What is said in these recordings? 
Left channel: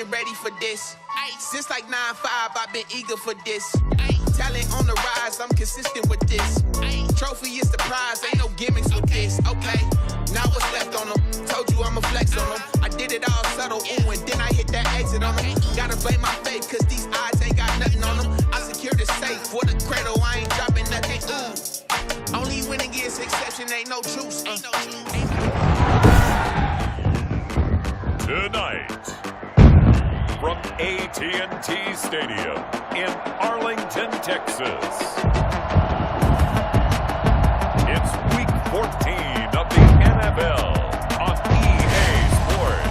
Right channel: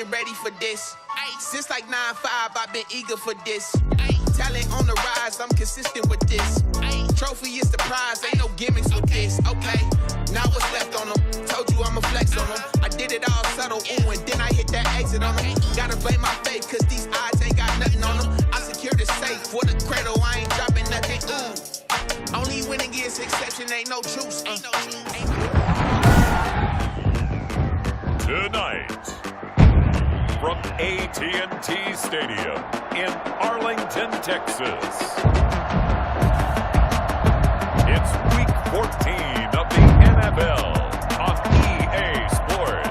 been ready for this. Since like 9-5, I've been eager for this. Talent on the rise, I'm consistent with this. Trophy is the prize, ain't no gimmicks with this. Okay, now what's left on them? Told you I'ma flex on them. I did it all subtle, ooh, and then I hit that exit on them. Gotta blame my faith, cause these odds ain't got nothing on them. I secured the safe for the cradle, I ain't dropping nothing, ooh. Only winning is exception, ain't no truce. Tonight, from AT&T Stadium in Arlington, Texas, it's Week 14 of the NFL on EA Sports.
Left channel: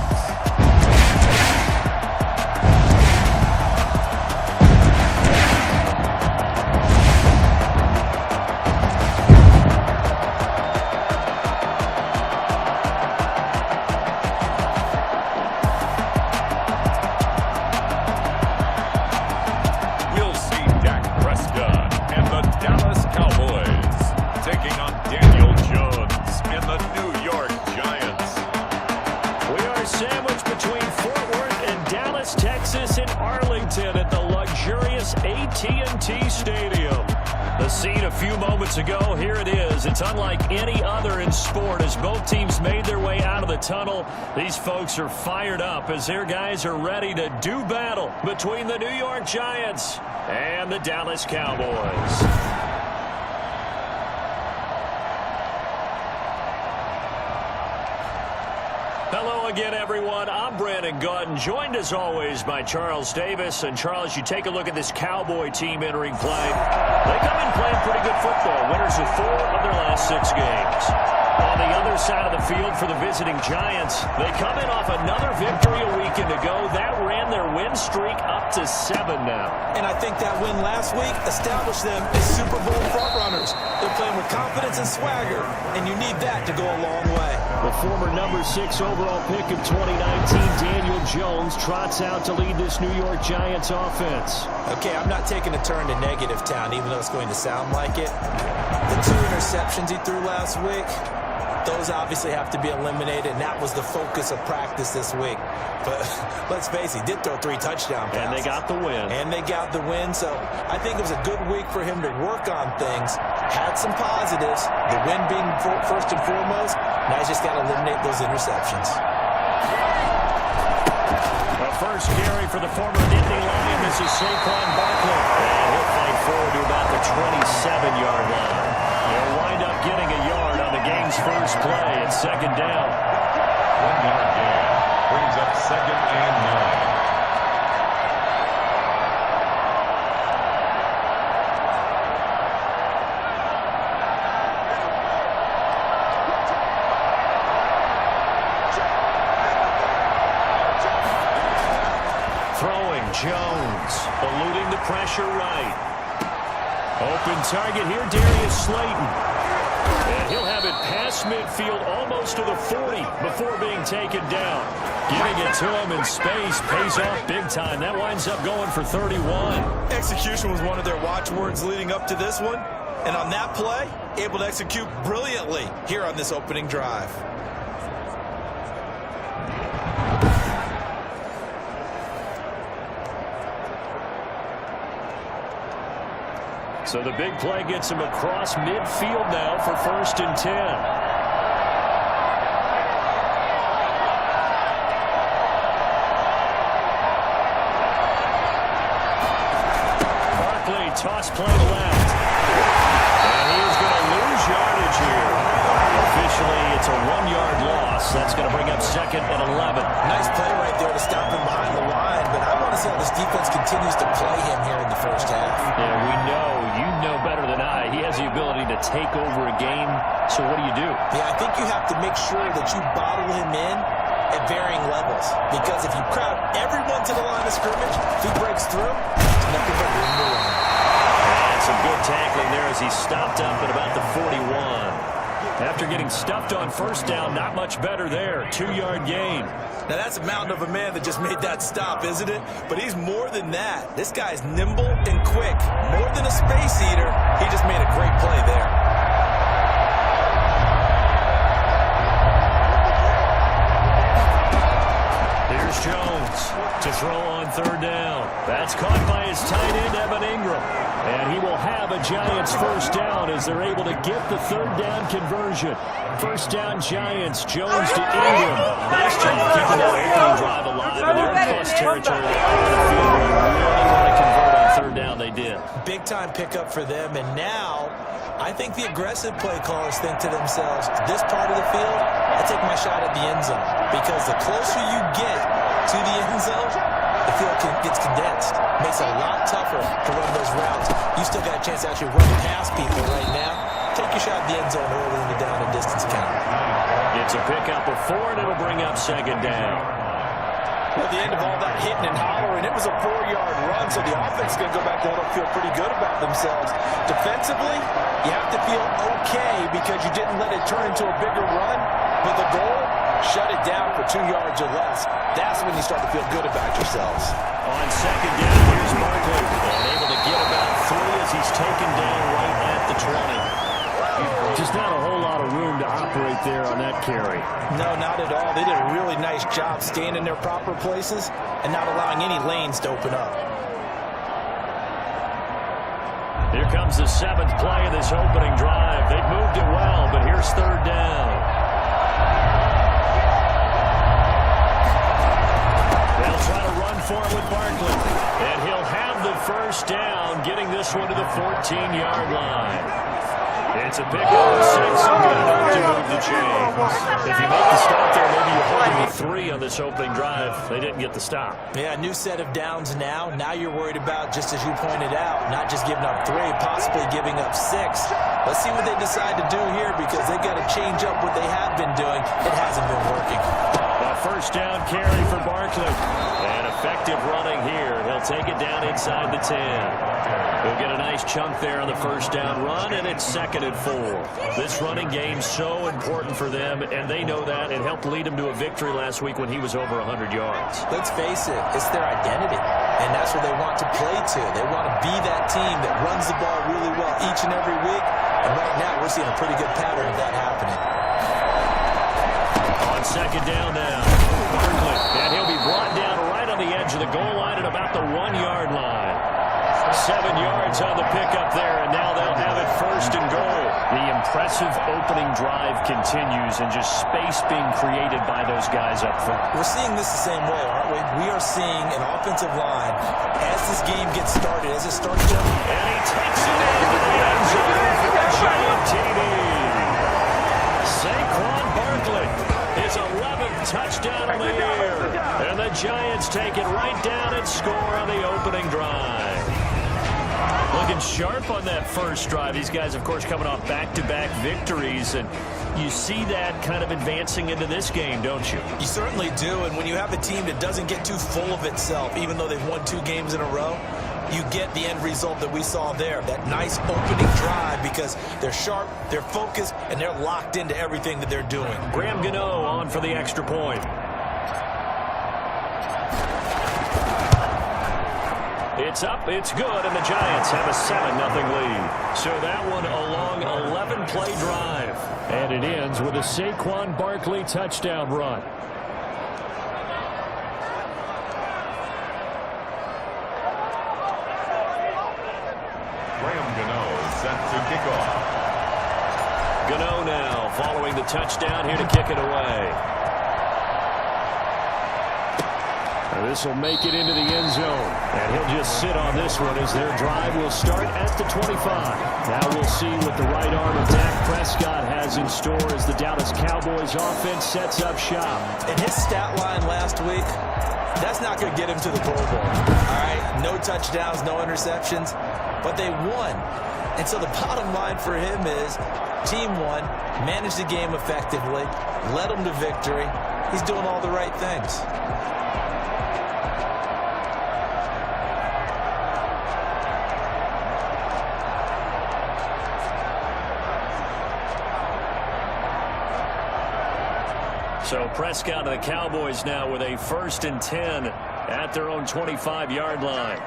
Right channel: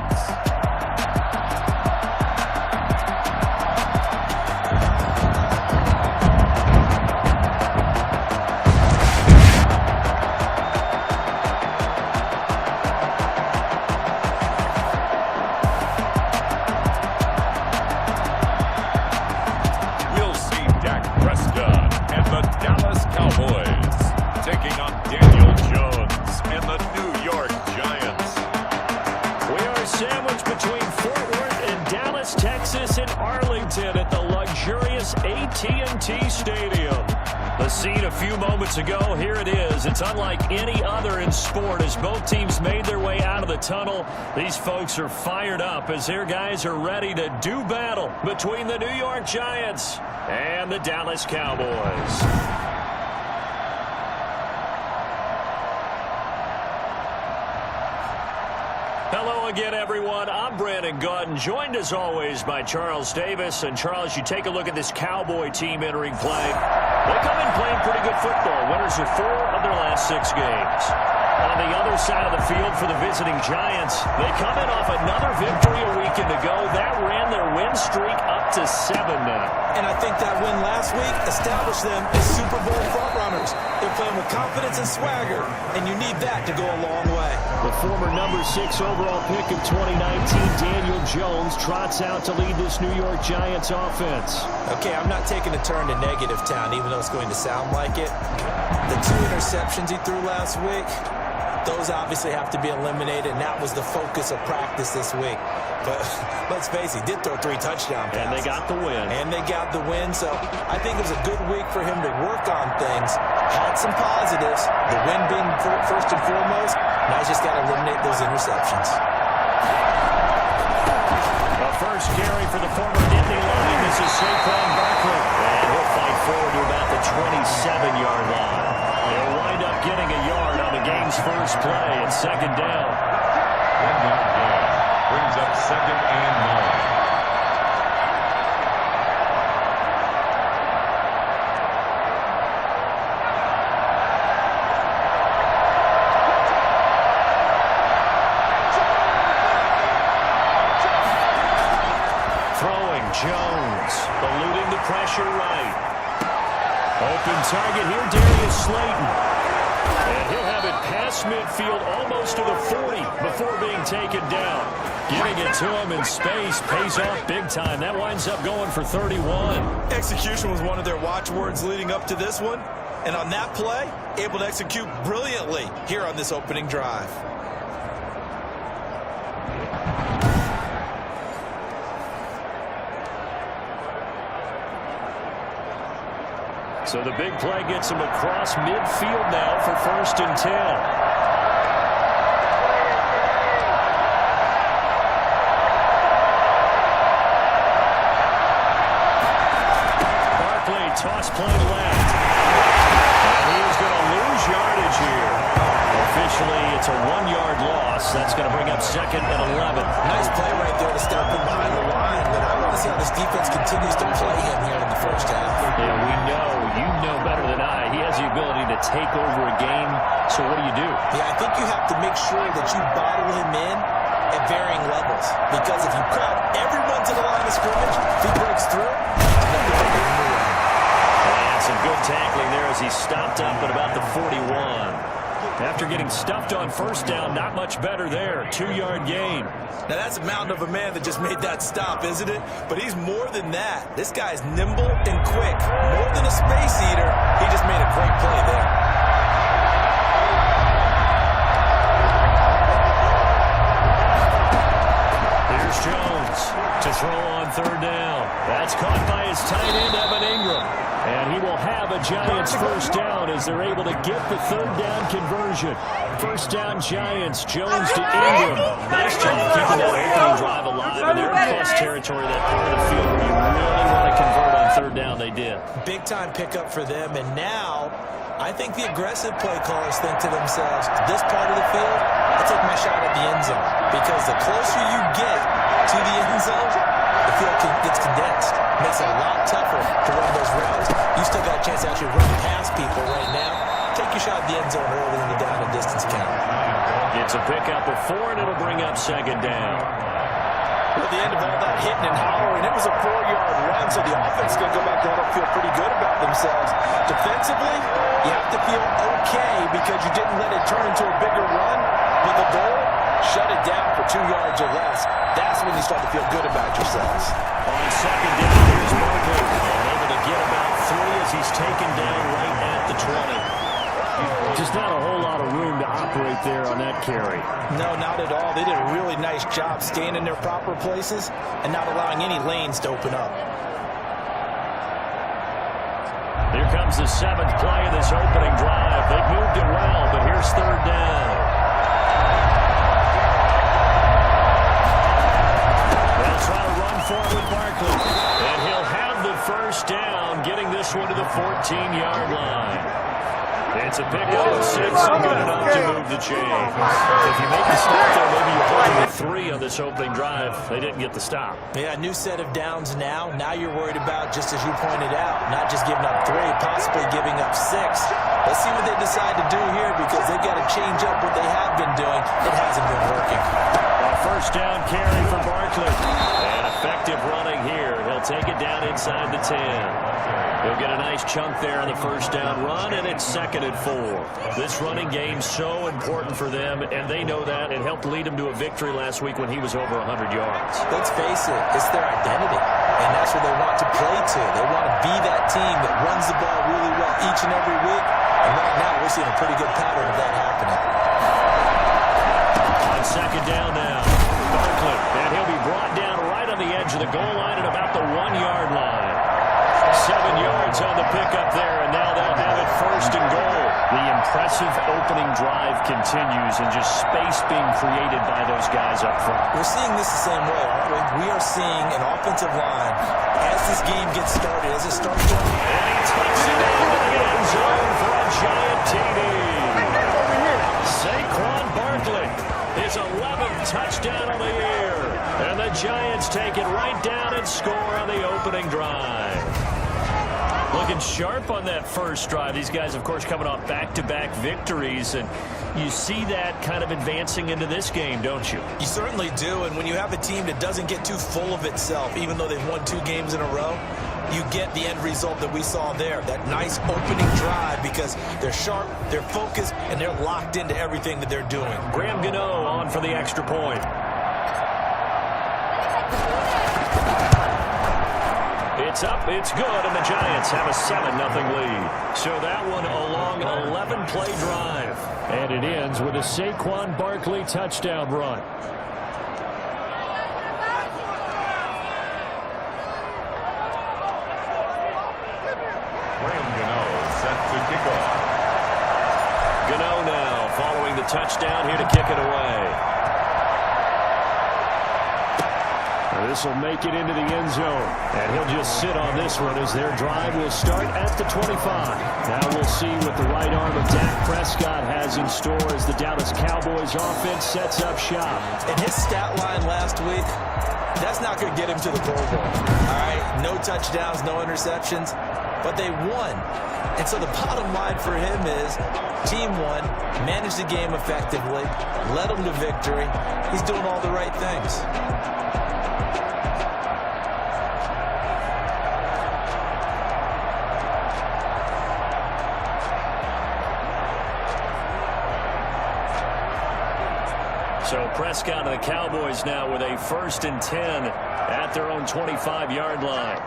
We'll see Dak Prescott and the Dallas Cowboys taking on Daniel Jones and the New York Giants. We are sandwiched between Fort Worth and Dallas, Texas, and Arlington at the luxurious AT&T Stadium. The scene a few moments ago, here it is. It's unlike any other in sport as both teams made their way out of the tunnel. These folks are fired up as their guys are ready to do battle between the New York Giants and the Dallas Cowboys. Hello again, everyone. I'm Brandon Gunn, joined as always by Charles Davis. And Charles, you take a look at this Cowboy team entering play. They come in playing pretty good football, winners of 4 of their last 6 games. On the other side of the field for the visiting Giants, they come in off another victory a weekend ago. That ran their win streak up to 7 now. And I think that win last week established them as Super Bowl frontrunners. They're playing with confidence and swagger, and you need that to go a long way. The former number 6 overall pick of 2019, Daniel Jones, trots out to lead this New York Giants offense. Okay, I'm not taking a turn to negative town, even though it's going to sound like it. The 2 interceptions he threw last week, those obviously have to be eliminated, and that was the focus of practice this week. But let's face it, he did throw 3 touchdown passes. And they got the win. So I think it was a good week for him to work on things. Had some positives, the win being first and foremost. Now he's just got to eliminate those interceptions. The first carry for the former Nittany Lion. This is Saquon Barkley. And he'll fight forward to about the 27-yard line. He'll wind up getting a yard on the game's first play at 2nd down. 1-yard gain brings up 2nd and 9. Throwing Jones, eluding the pressure right. Open target here, Darius Slayton. And he'll have it past midfield almost to the 40 before being taken down. Giving it to him in space pays off big time. That winds up going for 31. Execution was one of their watchwords leading up to this one. And on that play, able to execute brilliantly here on this opening drive. So the big play gets him across midfield now for 1st and 10. Barkley, toss play left. And he is going to lose yardage here. Officially, it's a 1-yard loss. That's going to bring up 2nd and 11. Nice play right there to stop him behind the line, but I want to see how this defense continues to play him here in the first half. Yeah, we know. You know better than I. He has the ability to take over a game. So what do you do? Yeah, I think you have to make sure that you bottle him in at varying levels. Because if you crowd everyone to the line of scrimmage, if he breaks through, it's nothing but room to run. And some good tackling there as he stopped up at about the 41. After getting stuffed on 1st down, not much better there. 2-yard gain. Now, that's a mountain of a man that just made that stop, isn't it? But he's more than that. This guy's nimble and quick. More than a space eater, he just made a great play there. Here's Jones to throw on third down. That's caught by his tight end, Evan Ingram. And he will have a Giants first down as they're able to get the third down conversion. First down, Giants. Jones to Ingram. Nice job keeping that opening drive alive. And they're in plus territory, that part of the field where you really want to convert on third down. They did. Big-time pickup for them. And now I think the aggressive play callers think to themselves, this part of the field, I take my shot at the end zone. Because the closer you get to the end zone, the field gets condensed. Makes it a lot tougher to run those routes. You still got a chance to actually run past people right now. Take your shot at the end zone early in the down and distance count. It's a pickup of 4, and it'll bring up second down. Well, at the end of all that hitting and hollering, it was a 4-yard run, so the offense is going to go back to huddle, feel pretty good about themselves. Defensively, you have to feel okay because you didn't let it turn into a bigger run. But the goal, shut it down for 2 yards or less. That's when you start to feel good about yourselves. On second down, here's Barkley. And able to get about 3 as he's taken down right at the 20. Just not a whole lot of room to operate there on that carry. No, not at all. They did a really nice job staying in their proper places and not allowing any lanes to open up. Here comes the 7th play of this opening drive. They've moved it well, but here's third down. They'll try to run for it with Barkley. And he'll have the first down, getting this one to the 14-yard line. It's a pickup of 6 and good enough to move the chains. If you make the stop there, maybe you hold them to 3 on this opening drive. They didn't get the stop. Yeah, new set of downs now. Now you're worried about, just as you pointed out, not just giving up 3, possibly giving up 6. Let's see what they decide to do here because they've got to change up what they have been doing. It hasn't been working. A first down carry for Barkley. And effective running here. He'll take it down inside the 10. He'll get a nice chunk there on the first down run, and it's 2nd and 4. This running game's so important for them, and they know that. It helped lead them to a victory last week when he was over 100 yards. Let's face it, it's their identity, and that's what they want to play to. They want to be that team that runs the ball really well each and every week, and right now we're seeing a pretty good pattern of that happening. On second down now, Barkley, and he'll be brought down right on the edge of the goal line at about the 1-yard line. 7 yards on the pickup there, and now they'll have it first and goal. The impressive opening drive continues, and just space being created by those guys up front. We're seeing this the same way, aren't we? We are seeing an offensive line as this game gets started, as it starts to... And he takes it into the end zone for a Giant TD. Saquon Barkley, his 11th touchdown of the year. And the Giants take it right down and score on the opening drive. Looking sharp on that first drive. These guys, of course, coming off back-to-back victories, and you see that kind of advancing into this game, don't you? You certainly do, and when you have a team that doesn't get too full of itself, even though they've won 2 games in a row, you get the end result that we saw there, that nice opening drive, because they're sharp, they're focused, and they're locked into everything that they're doing. Graham Gano on for the extra point. It's up, it's good, and the Giants have a 7-0 lead. So that one a long 11-play drive. And it ends with a Saquon Barkley touchdown run. Graham Gano set to kick off. Gano now following the touchdown here to kick it away. This will make it into the end zone. And he'll just sit on this one as their drive will start at the 25. Now we'll see what the right arm of Dak Prescott has in store as the Dallas Cowboys offense sets up shop. And his stat line last week, that's not going to get him to the Pro Bowl. All right, no touchdowns, no interceptions, but they won. And so the bottom line for him is team won, managed the game effectively, led them to victory. He's doing all the right things. So Prescott and the Cowboys now with a 1st and 10 at their own 25-yard line.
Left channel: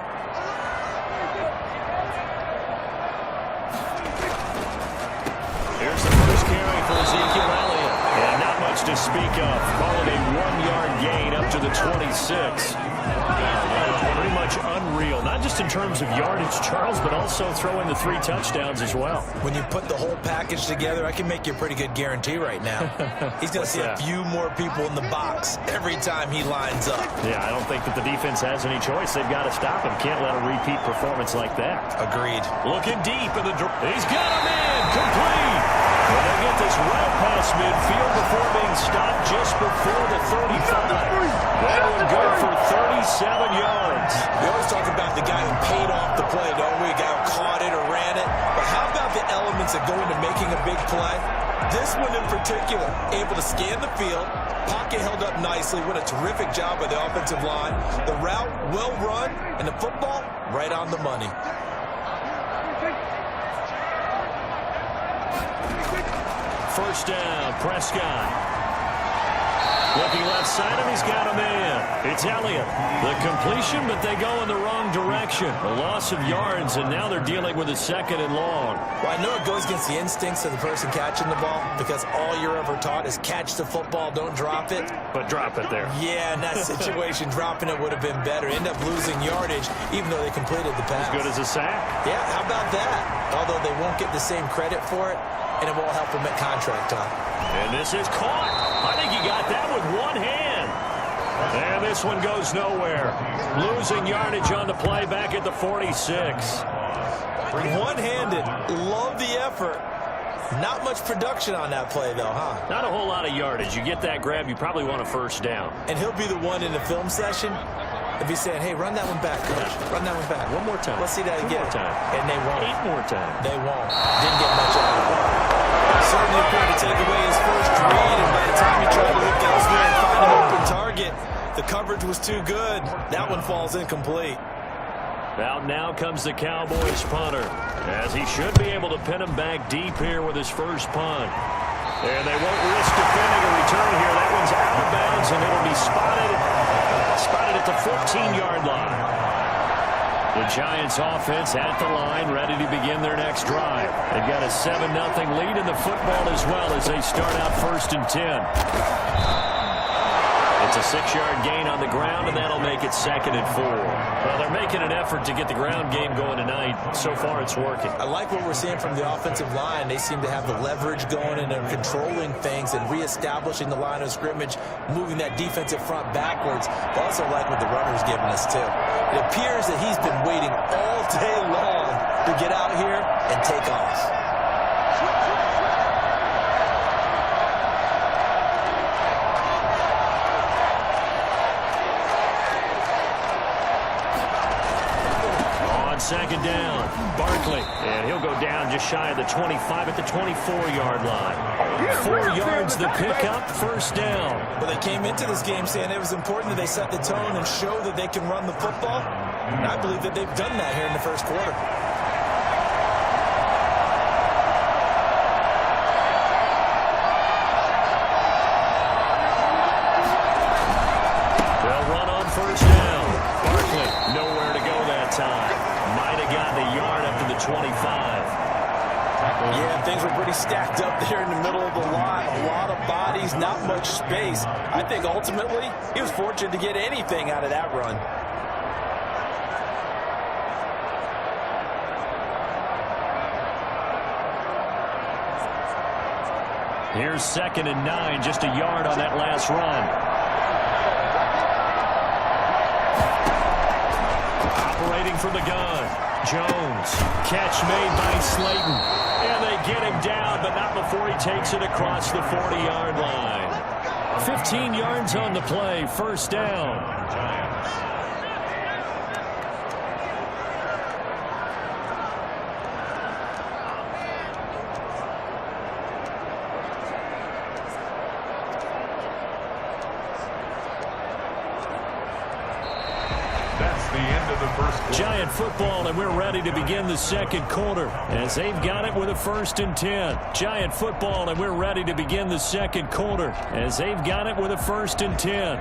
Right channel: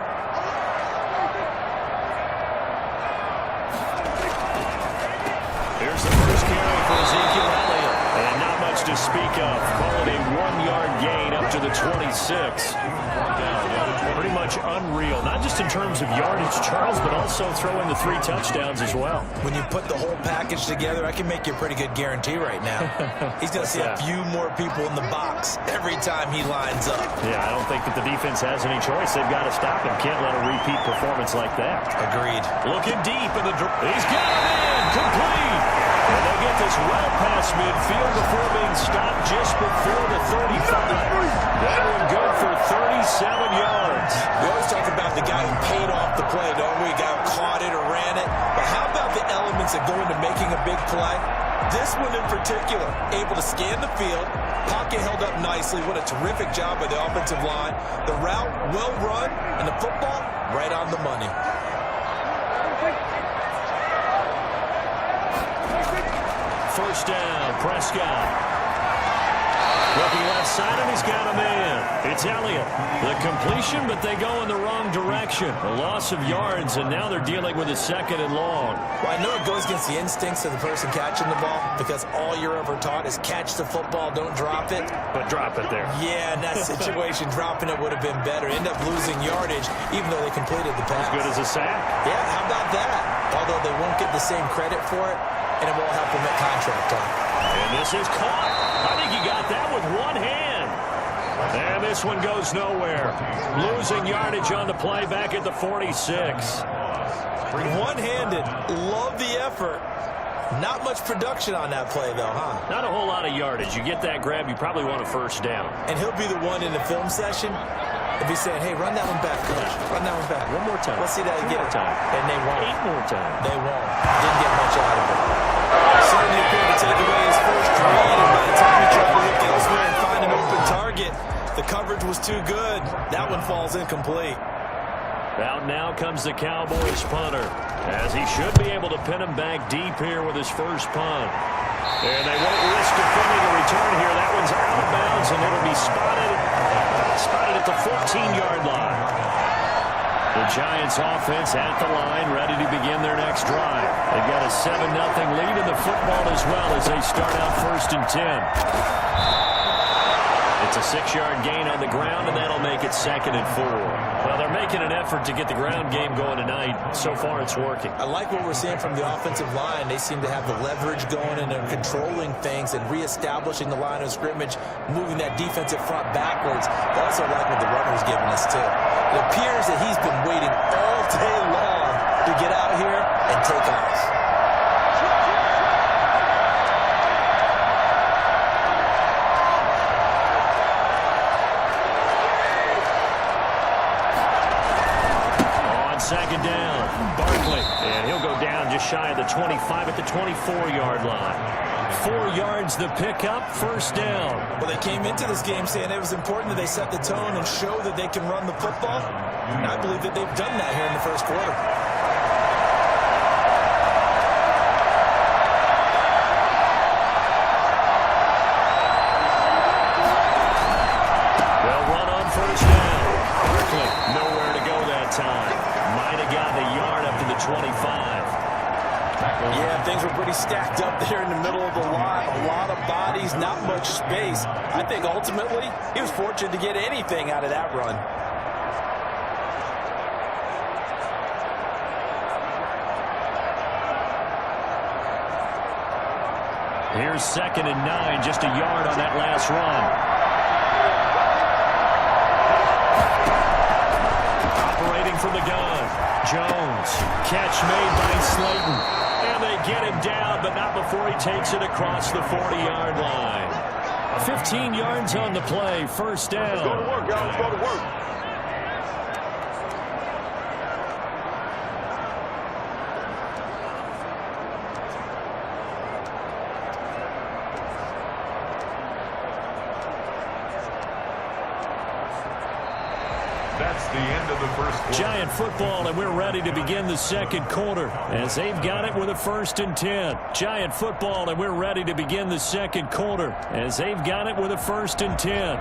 Here's the first carry for Ezekiel Elliott. And not much yards to speak of. Call it a 1-yard gain up to the 26. Pretty much unreal, not just in terms of yardage, Charles, but also throw in the 3 touchdowns as well. When you put the whole package together, I can make you a pretty good guarantee right now. He's going to see a few more people in the box every time he lines up. Yeah, I don't think that the defense has any choice. They've got to stop him. Can't let a repeat performance like that. Agreed. Looking deep in the he's got him in, complete. And they'll get this well past midfield before being stopped just before the 35. That one good for 37 yards. We always talk about the guy who paid off the play, don't we? A guy who caught it or ran it. But how about the elements that go into making a big play? This one in particular, able to scan the field, pocket held up nicely. What a terrific job by the offensive line. The route, well run, and the football, right on the money. First down, Prescott. Looking left side, and he's got him in. It's Elliott. The completion, but they go in the wrong direction. A loss of yards, and now they're dealing with a 2nd and long. Well, I know it goes against the instincts of the person catching the ball because all you're ever taught is catch the football, don't drop it. But drop it there. Yeah, in that situation, dropping it would have been better. End up losing yardage, even though they completed the pass. As good as a sack. Yeah, how about that? Although they won't get the same credit for it, and it won't help them at contract time. And this is caught. I think he got that with one hand. And this one goes nowhere. Losing yardage on the play back at the 46. One-handed. Love the effort. Not much production on that play, though, huh? Not a whole lot of yardage. You get that grab, you probably want a first down. And he'll be the one in the film session. He'll be saying, hey, run that one back, coach. Run that one back. One more time. Let's see that again. 2 more time. And they won't. 8 more times. They won't. Didn't get much out of it. Certainly appeared to take away his first read, and by the time he tried to look elsewhere and find an open target, the coverage was too good. That one falls incomplete. Out now comes the Cowboys punter, as he should be able to pin him back deep here with his first punt. And they won't risk defending a return here. That one's out of bounds, and it'll be spotted at the 14-yard line. The Giants offense at the line, ready to begin their next drive. They've got a 7-0 lead in the football as well as they start out 1st and 10. It's a 6-yard gain on the ground, and that'll make it 2nd and 4. Well, they're making an effort to get the ground game going tonight. So far, it's working. I like what we're seeing from the offensive line. They seem to have the leverage going, and they're controlling things and reestablishing the line of scrimmage, moving that defensive front backwards. But also like what the runner's giving us, too. It appears that he's been waiting all day long to get out here and take off. Second down, Barkley, and he'll go down just shy of the 25 at the 24-yard line. 4 yards the pickup, first down. Well, they came into this game saying it was important that they set the tone and show that they can run the football. And I believe that they've done that here in the first quarter. They'll run on first down. Barkley, nowhere to go that time. Might have gotten a yard up to the 25. Yeah, things were pretty stacked up there in the middle of the lot. A lot of bodies, not much space. I think ultimately he was fortunate to get anything out of that run. Here's 2nd and 9, just a yard on that last run. Operating from the gun, Jones. Catch made by Slayton. And they get him down, but not before he takes it across the 40-yard line. 15 yards on the play, first down. That's the end of the first quarter. Giant football, and we're ready to begin the second quarter as they've got it with a 1st and 10. Giant football, and we're ready to begin the second quarter as they've got it with a 1st and 10.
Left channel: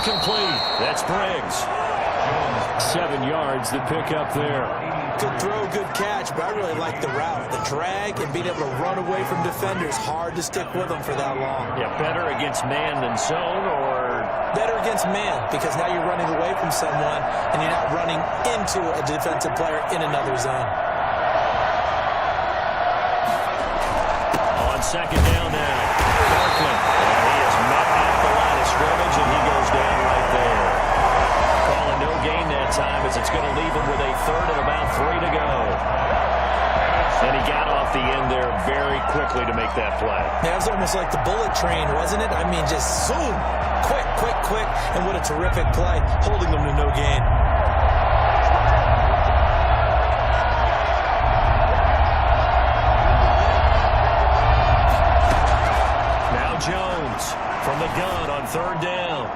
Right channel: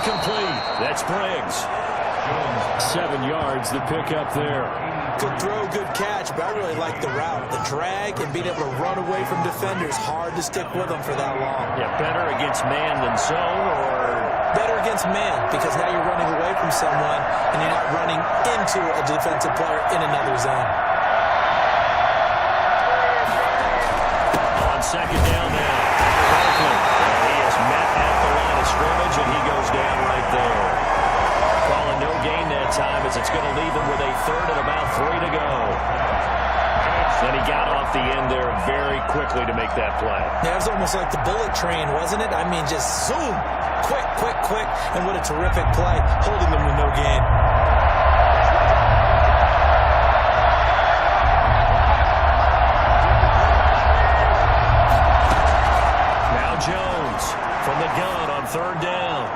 Incomplete. That's Briggs. 7 yards, the pickup there. Good throw, good catch, but I really like the route. The drag and being able to run away from defenders. Hard to stick with them for that long. Yeah, better against man than zone, or? Better against man, because now you're running away from someone and you're not running into a defensive player in another zone. On second down now, Barkley. And he is met at the line of scrimmage, and he goes down right there. Calling no gain that time, as it's going to leave him with a third and about 3 to go. And he got off the end there very quickly to make that play. Yeah, it was almost like the bullet train, wasn't it? I mean, just zoom, quick, quick, quick, and what a terrific play, holding them to no gain. Now Jones from the gun on third down.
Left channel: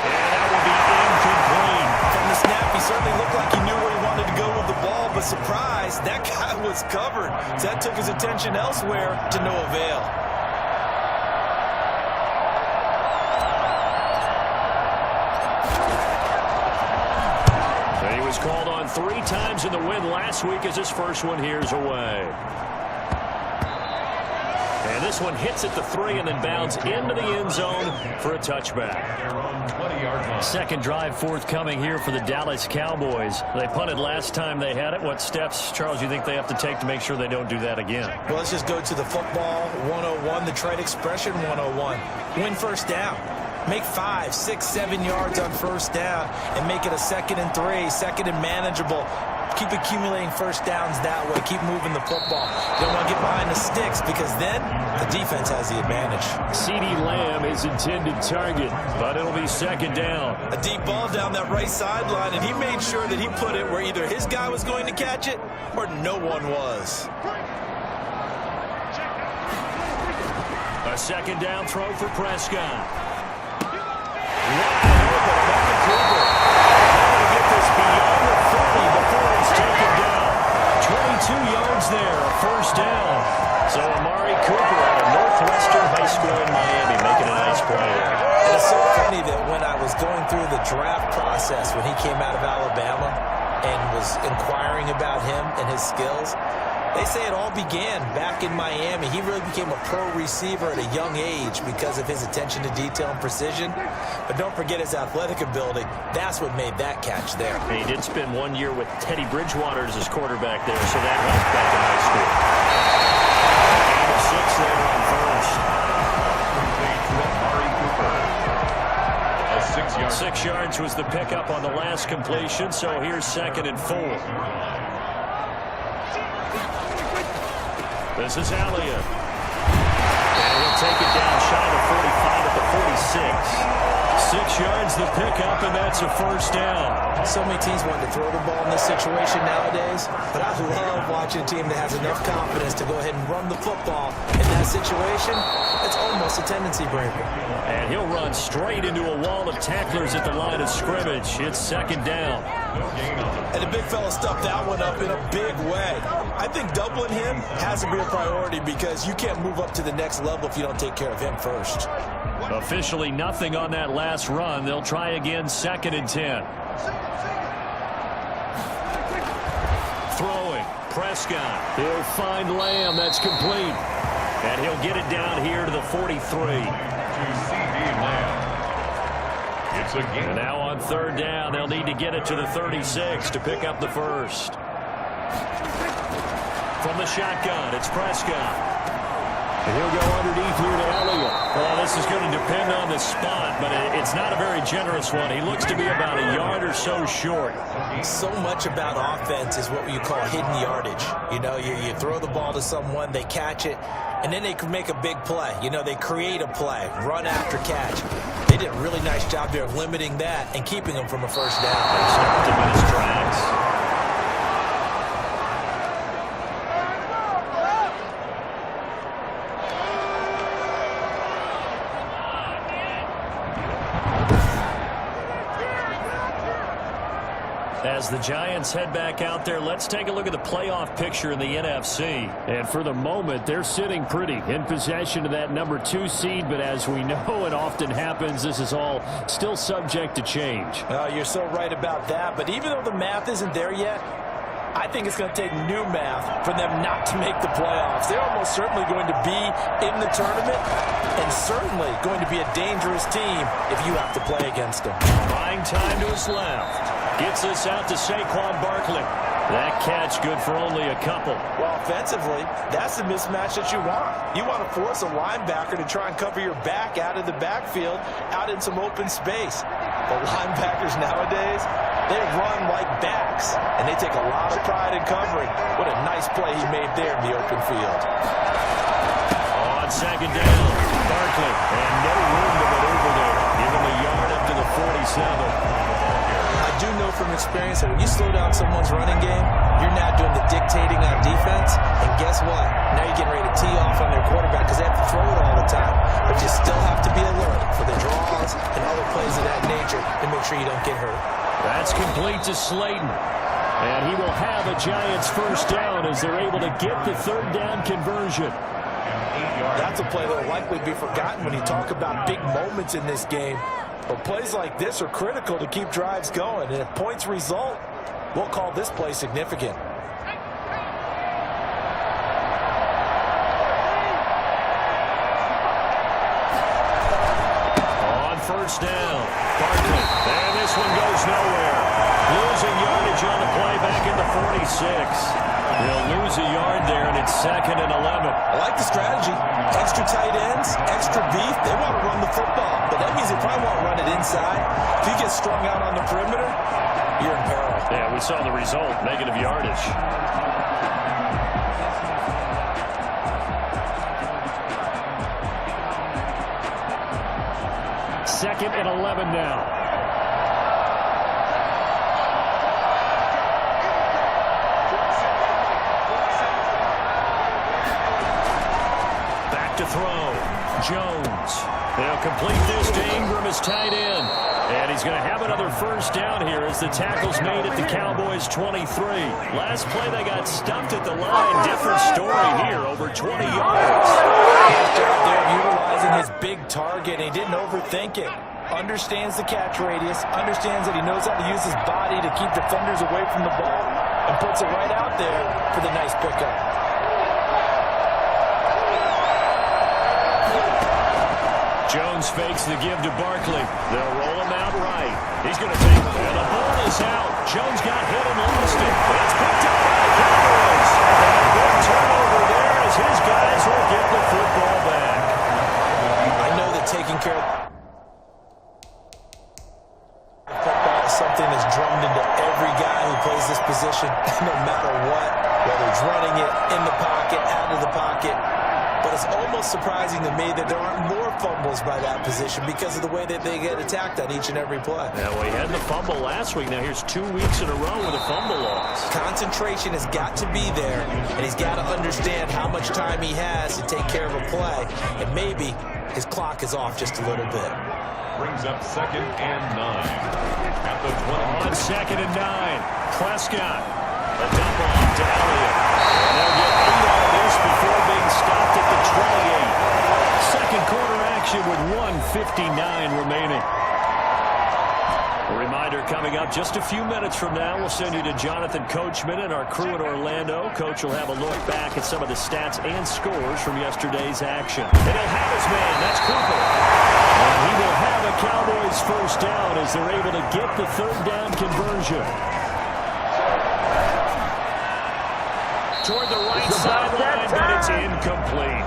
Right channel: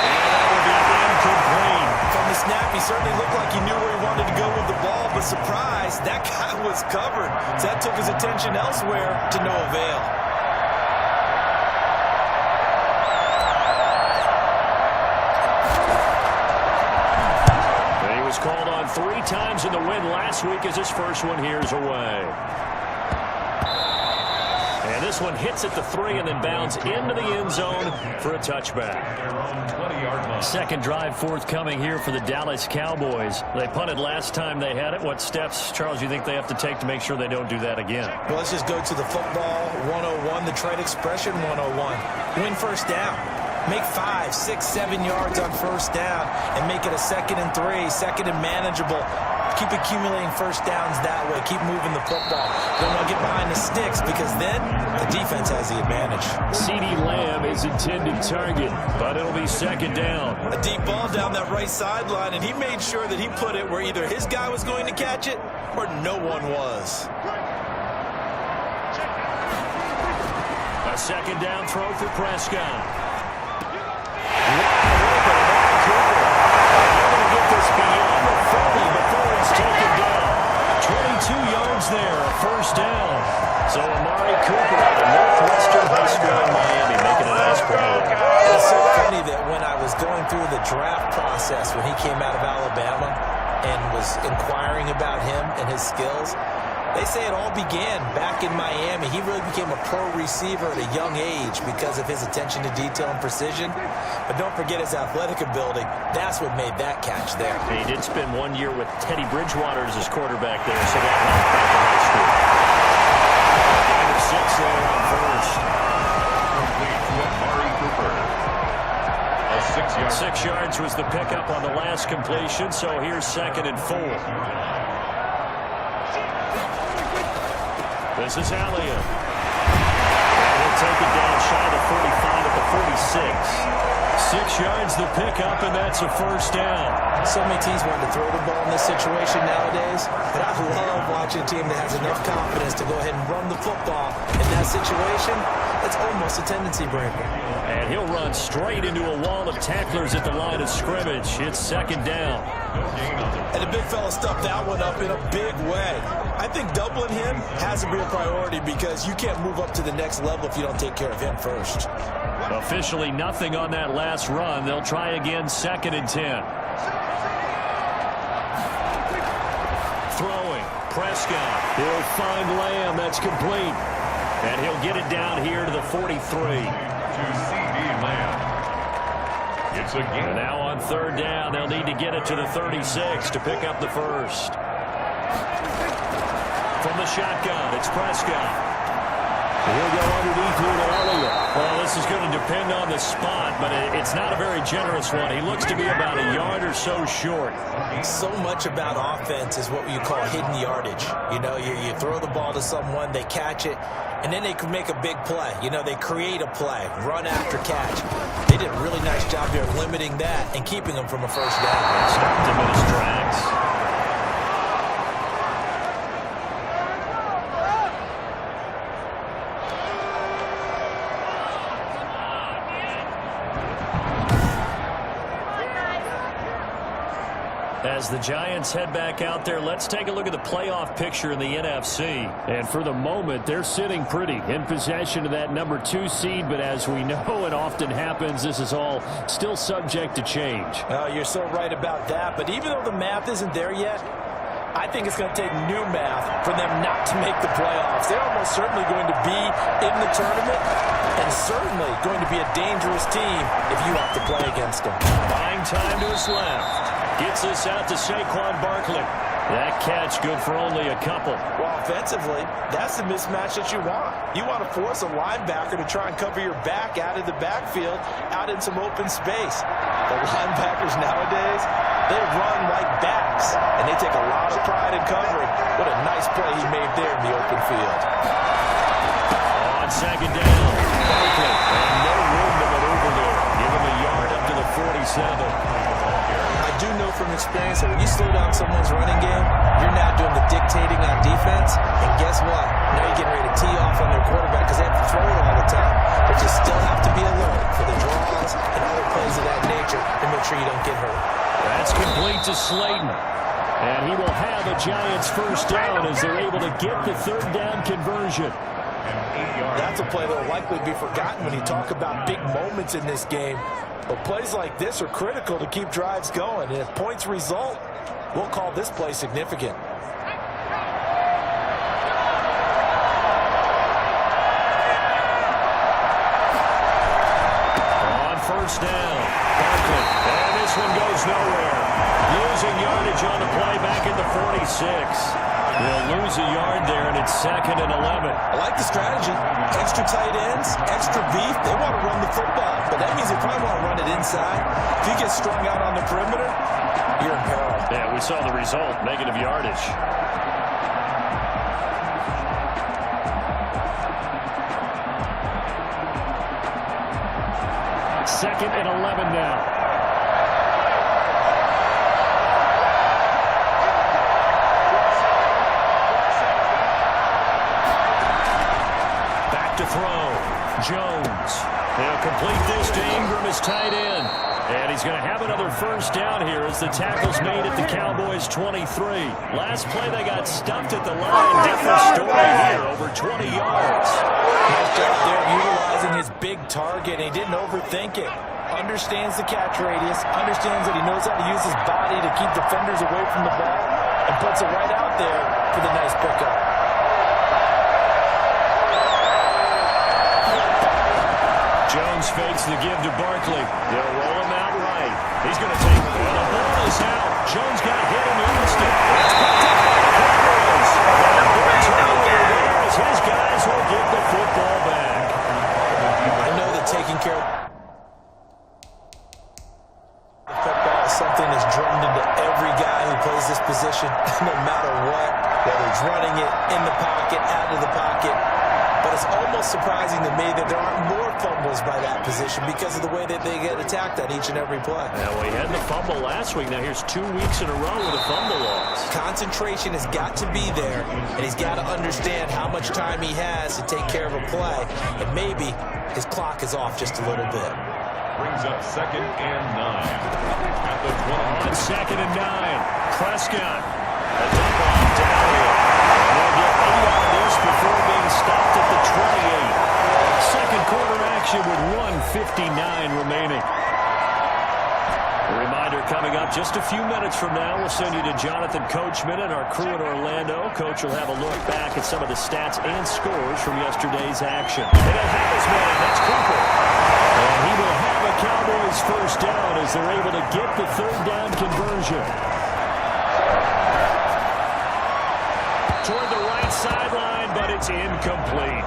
And that will be incomplete. From the snap, he certainly looked like he knew where he wanted to go with the ball, but surprise, that guy was covered. So that took his attention elsewhere to no avail. And he was called on 3 times in the win last week, as his first one here's away. And this one hits at the 3 and then bounds into the end zone for a touchback. Second drive forthcoming here for the Dallas Cowboys. They punted last time they had it. What steps, Charles, you think they have to take to make sure they don't do that again? Well, let's just go to the football 101, the trade expression 101. Win first down. Make 5, 6, 7 yards on first down and make it a 2nd and 3, 2nd and manageable. Keep accumulating first downs that way. Keep moving the football. You don't want to get behind the sticks, because then the defense has the advantage. CeeDee Lamb is intended target, but it'll be second down. A deep ball down that right sideline, and he made sure that he put it where either his guy was going to catch it or no one was. A second down throw for Prescott. Wide open, Amari Cooper. They're going to get this beyond the 30 before he's taken down. 22 yards there, a first down. So Amari Cooper out of Northwestern High School in Miami making a nice play. It's so funny that when I was going through the draft process, when he came out of Alabama and was inquiring about him and his skills, they say it all began back in Miami. He really became a pro receiver at a young age because of his attention to detail and precision. But don't forget his athletic ability. That's what made that catch there. He did spend 1 year with Teddy Bridgewater as his quarterback there, so that helped back in high school. A gain of 6 there on first. Complete to Amari Cooper. A 6-yard. 6 yards was the pickup on the last completion, so here's 2nd and 4. This is Elliott. And he'll take it down shy of the 45 at the 46. 6 yards the pickup, and that's a first down. So many teams want to throw the ball in this situation nowadays, but I love watching a team that has enough confidence to go ahead and run the football. In that situation, it's almost a tendency breaker. And he'll run straight into a wall of tacklers at the line of scrimmage. It's second down. And the big fella stuffed that one up in a big way. I think doubling him has to be a priority, because you can't move up to the next level if you don't take care of him first. Officially nothing on that last run. They'll try again, 2nd and 10. Throwing, Prescott. He'll find Lamb. That's complete. And he'll get it down here to the 43. To CeeDee Lamb. It's a gain. And now on third down, they'll need to get it to the 36 to pick up the first. From the shotgun, it's Prescott. And he'll go underneath here to Elliott. Well, this is going to depend on the spot, but it's not a very generous one. He looks to be about a yard or so short. So much about offense is what you call hidden yardage. You know, you throw the ball to someone, they catch it, and then they can make a big play. You know, they create a play, run after catch. They did a really nice job there of limiting that and keeping them from a first down. They stopped him in his tracks. As the Giants head back out there, let's take a look at the playoff picture in the NFC. And for the moment, they're sitting pretty in possession of that number 2 seed. But as we know, it often happens, this is all still subject to change. You're so right about that. But even though the math isn't there yet, I think it's going to take new math for them not to make the playoffs. They're almost certainly going to be in the tournament and certainly going to be a dangerous team if you have to play against them. Buying time to his left. Gets this out to Saquon Barkley. That catch good for only a couple. Well, offensively, that's the mismatch that you want. You want to force a linebacker to try and cover your back out of the backfield, out in some open space. The linebackers nowadays, they run like backs, and they take a lot of pride in covering. What a nice play he made there in the open field. On second down, Barkley, and no room to maneuver there. Give him a yard up to the 47. I do know from experience that when you slow down someone's running game, you're now doing the dictating on defense. And guess what? Now you're getting ready to tee off on their quarterback because they have to throw it all the time. But you still have to be alert for the draws and other plays of that nature to make sure you don't get hurt. That's complete to Slayton. And he will have a Giants first down as they're able to get the third down conversion. That's a play that will likely be forgotten when you talk about big moments in this game. But plays like this are critical to keep drives going. And if points result, we'll call this play significant. On first down, Barkley. And this one goes nowhere. Losing yardage on the play back at the 46. They'll lose a yard there, and it's 2nd and 11. I like the strategy. Extra tight ends, extra beef. They want to run the football, but that means they probably want to run it inside. If you get strung out on the perimeter, you're in peril. Yeah, we saw the result, negative yardage. Second and 11 now. To throw. Jones. They'll complete this to Ingram as tight end. And he's going to have another first down here as the tackle's made at the Cowboys 23. Last play they got stuffed at the line. Different story here, over 20 yards. Nice job there utilizing his big target, and he didn't overthink it. Understands the catch radius, understands that he knows how to use his body to keep defenders away from the ball, and puts it right out there for the nice pickup. Jones fakes the give to Barkley. They'll roll him out right. He's going to take it. And the ball is out. Jones got hit and lost it. It's picked up by the Cowboys. And a big turnover there as his guys will get the football back. I know that taking care of the football is something that's drummed into every guy who plays this position, no matter what, whether it's running it, in the pocket, out of the pocket. But it's almost surprising to me that there aren't more fumbles by that position because of the way that they get attacked on each and every play. Yeah, well, he had the fumble last week. Now here's 2 weeks in a row with a fumble loss. Concentration has got to be there, and he's got to understand how much time he has to take care of a play. And maybe his clock is off just a little bit. Brings up 2nd and 9 at the 20. On 2nd and 9, Prescott. A dump off to Elliott. And they'll get 8 out of this before being stopped at the 28. Second quarter action with 1:59 remaining. A reminder coming up just a few minutes from now. We'll send you to Jonathan Coachman and our crew in Orlando. Coach will have a look back at some of the stats and scores from yesterday's action. And he'll have his man. That's Cooper. And he will have a Cowboys first down as they're able to get the third down conversion. Toward the right sideline, but it's incomplete.